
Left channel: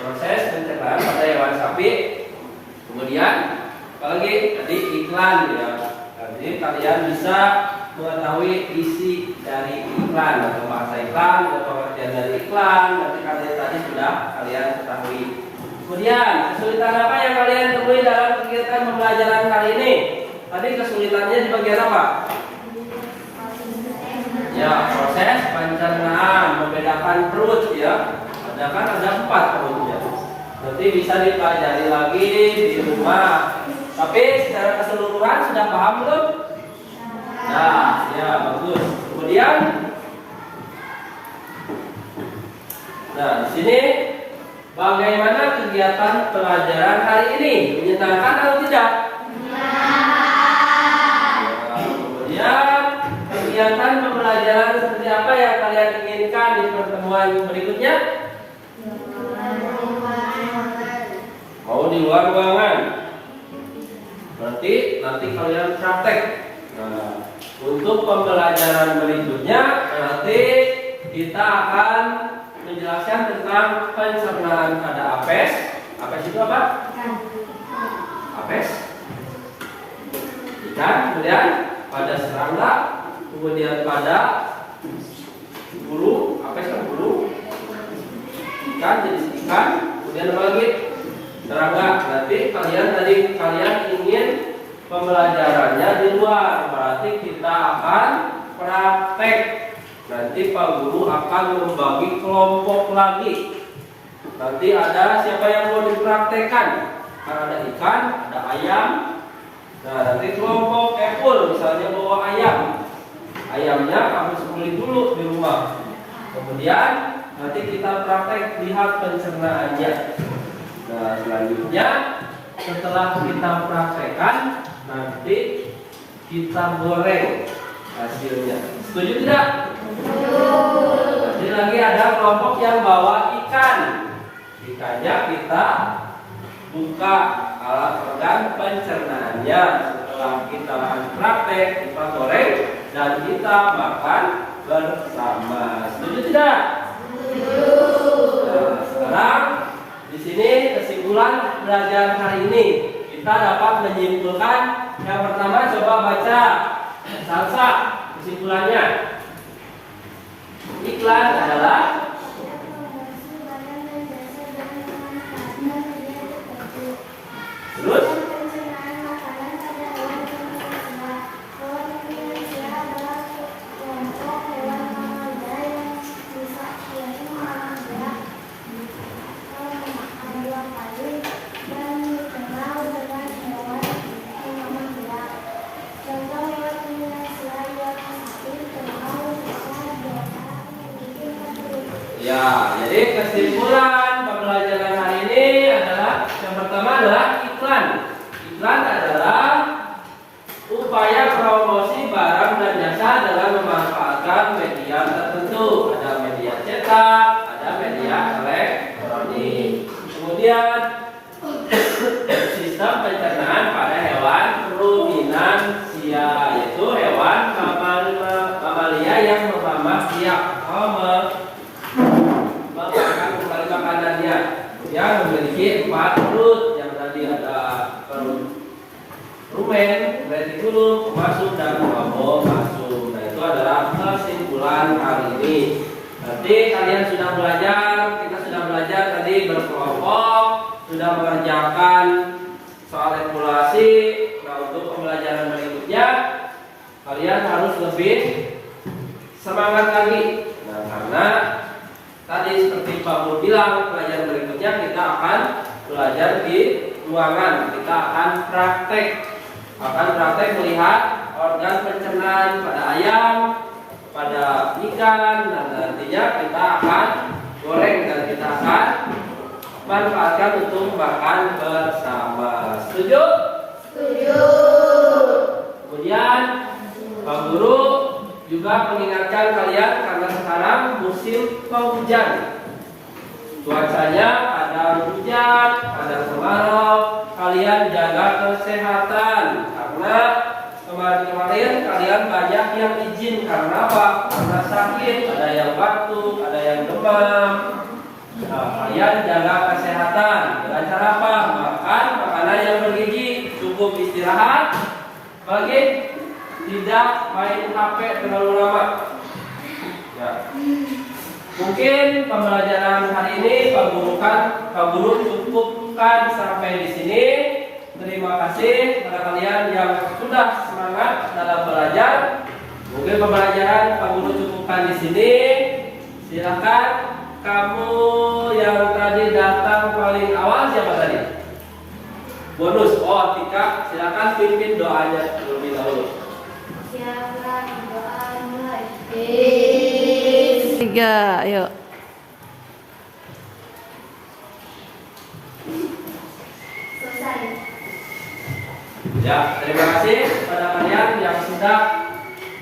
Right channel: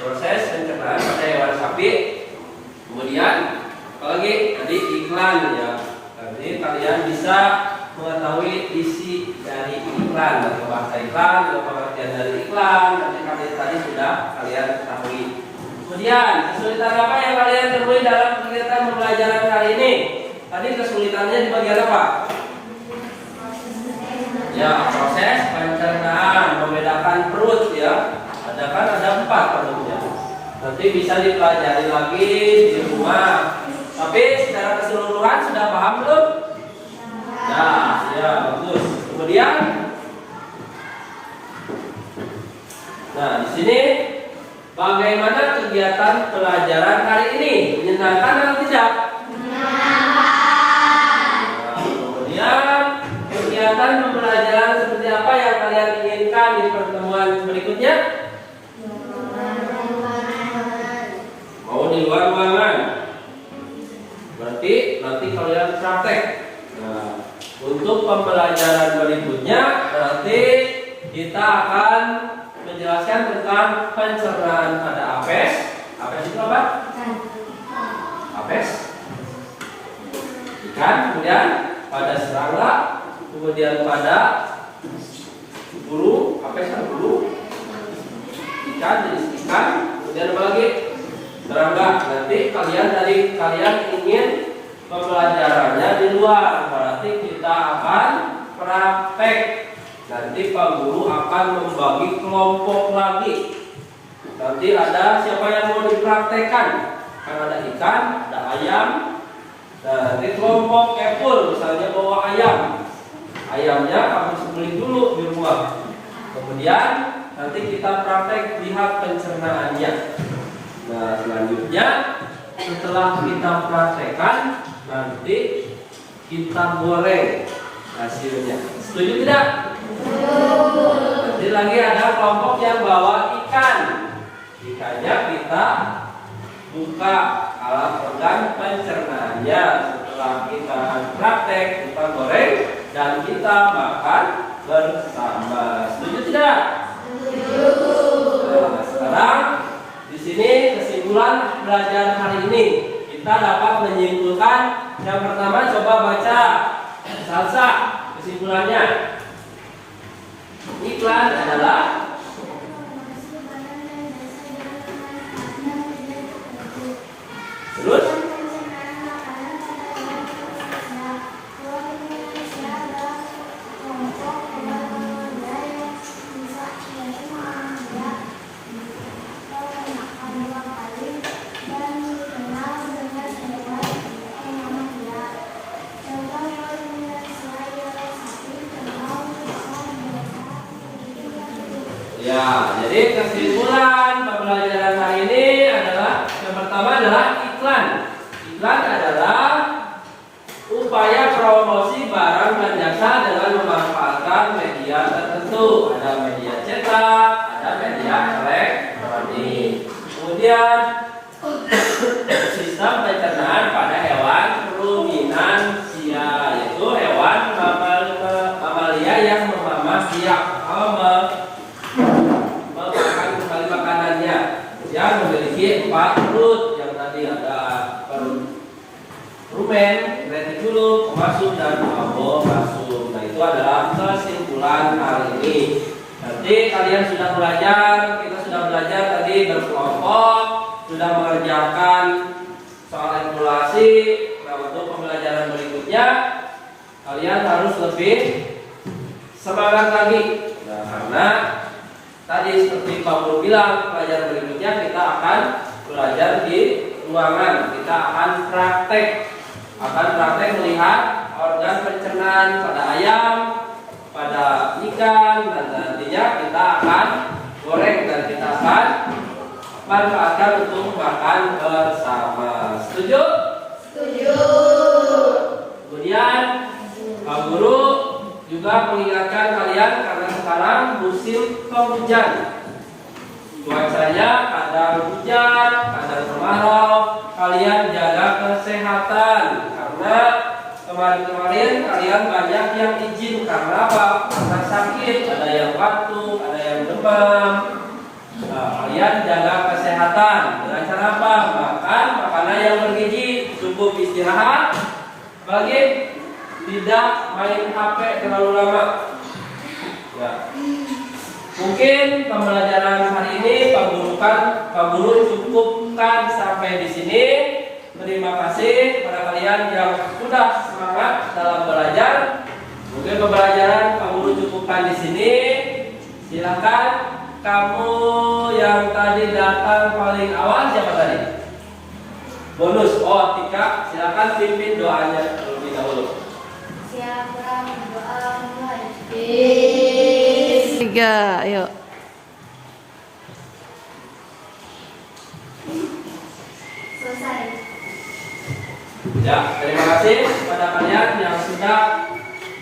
proses pencernaan pada hewan sapi. Kemudian apalagi tadi iklan ya. Jadi kalian bisa mengetahui isi dari iklan atau bahasa iklan atau pengertian dari iklan. Nanti kalian tadi sudah kalian ketahui. Kemudian kesulitan apa yang kalian temui dalam kegiatan pembelajaran kali ini? Tadi kesulitannya di bagian apa? Ya, proses pencernaan, membedakan perut ya. Ada 4 perutnya. Nanti bisa dipelajari lagi di rumah. Tapi secara keseluruhan sudah paham belum? Nah, ya bagus. Kemudian, nah di sini bagaimana kegiatan pelajaran hari ini? Menyenangkan atau tidak? Kemudian kegiatan pembelajaran seperti apa yang kalian inginkan di pertemuan berikutnya? Mau di luar ruangan? Berarti nanti kalian praktek. Nah, untuk pembelajaran berikutnya nanti kita akan menjelaskan tentang pencernaan pada apes. Apes itu apa? Apes ikan, kemudian pada serangga, kemudian pada bulu. Apes kan bulu, ikan jenis ikan, kemudian apa lagi? Serangga. Nanti kalian ingin pembelajarannya di luar, berarti kita akan praktek. Nanti Pak Guru akan membagi kelompok lagi. Nanti ada siapa yang mau dipraktekkan? Kan ada ikan, ada ayam. Nah, nanti kelompok epul misalnya bawa ayam. Ayamnya harus beli dulu di rumah. Kemudian nanti kita praktek lihat pencernaannya. Nah, selanjutnya setelah kita praktekkan nanti kita goreng hasilnya. Setuju tidak? Nanti lagi ada kelompok yang bawa ikan. Ikannya kita buka alat pegang pencernaannya. Setelah kita praktek, kita goreng dan kita makan bersama. Setuju tidak? Nah, sekarang di sini kesimpulan belajar hari ini kita dapat menyimpulkan. Yang pertama coba baca Salsa kesimpulannya. Iklan adalah terus Ya, jadi kesimpulan pembelajaran hari ini adalah yang pertama adalah iklan. Iklan adalah upaya promosi barang dan jasa dengan memanfaatkan media tertentu. Ada media cetak, ada media elektronik. Kemudian sistem pencernaan pada hewan ruminansia, yaitu hewan mamalia yang memakan kembali makanannya, yang memiliki 4 perut, yang tadi ada perut rumen, retikulum, masuk dan obo masuk. Dan itu adalah kesimpulan kali ini. Nanti kalian sudah belajar, kita sudah belajar tadi berkelompok, sudah mengerjakan soal regulasi. Nah, untuk pembelajaran berikutnya kalian harus lebih semangat lagi. Nah, karena tadi seperti Pak Guru bilang, pelajaran berikutnya kita akan belajar di ruangan. Kita akan praktek melihat organ pencernaan pada ayam, pada ikan, dan nantinya kita akan goreng dan kita akan manfaatkan untuk makan bersama. Setuju? Setuju. Kemudian Pak Guru juga mengingatkan kalian karena sekarang musim penghujan. Cuacanya kadang hujan, kadang kemarau. Kalian jaga kesehatan karena kemarin-kemarin kalian banyak yang izin karena apa? Karena sakit, ada yang batuk, ada yang demam. Nah, kalian jaga kesehatan dengan cara apa? Makan makanan yang bergizi, cukup istirahat, bagi tidak main HP terlalu lama. Ya. Mungkin pembelajaran hari ini Pak Guru cukupkan sampai di sini. Terima kasih kepada kalian yang sudah semangat dalam belajar. Mungkin pembelajaran Pak Guru cukupkan di sini. Silakan kamu yang tadi datang paling awal, siapa tadi? Bonus. Oh, Tika, silakan pimpin doanya terlebih dahulu. Siapkan doa mulai. 3, ayo. Selesai. Ya, terima kasih kepada kalian yang sudah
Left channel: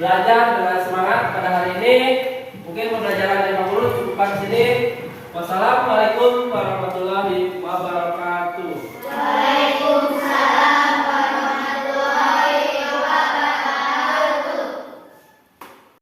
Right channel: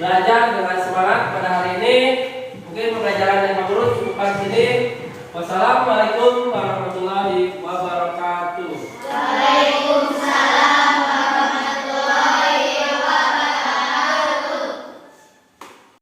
belajar dengan semangat pada hari ini. Mungkin pembelajaran dari Pak Guru cukupkan di sini. Wassalamualaikum warahmatullahi wabarakatuh.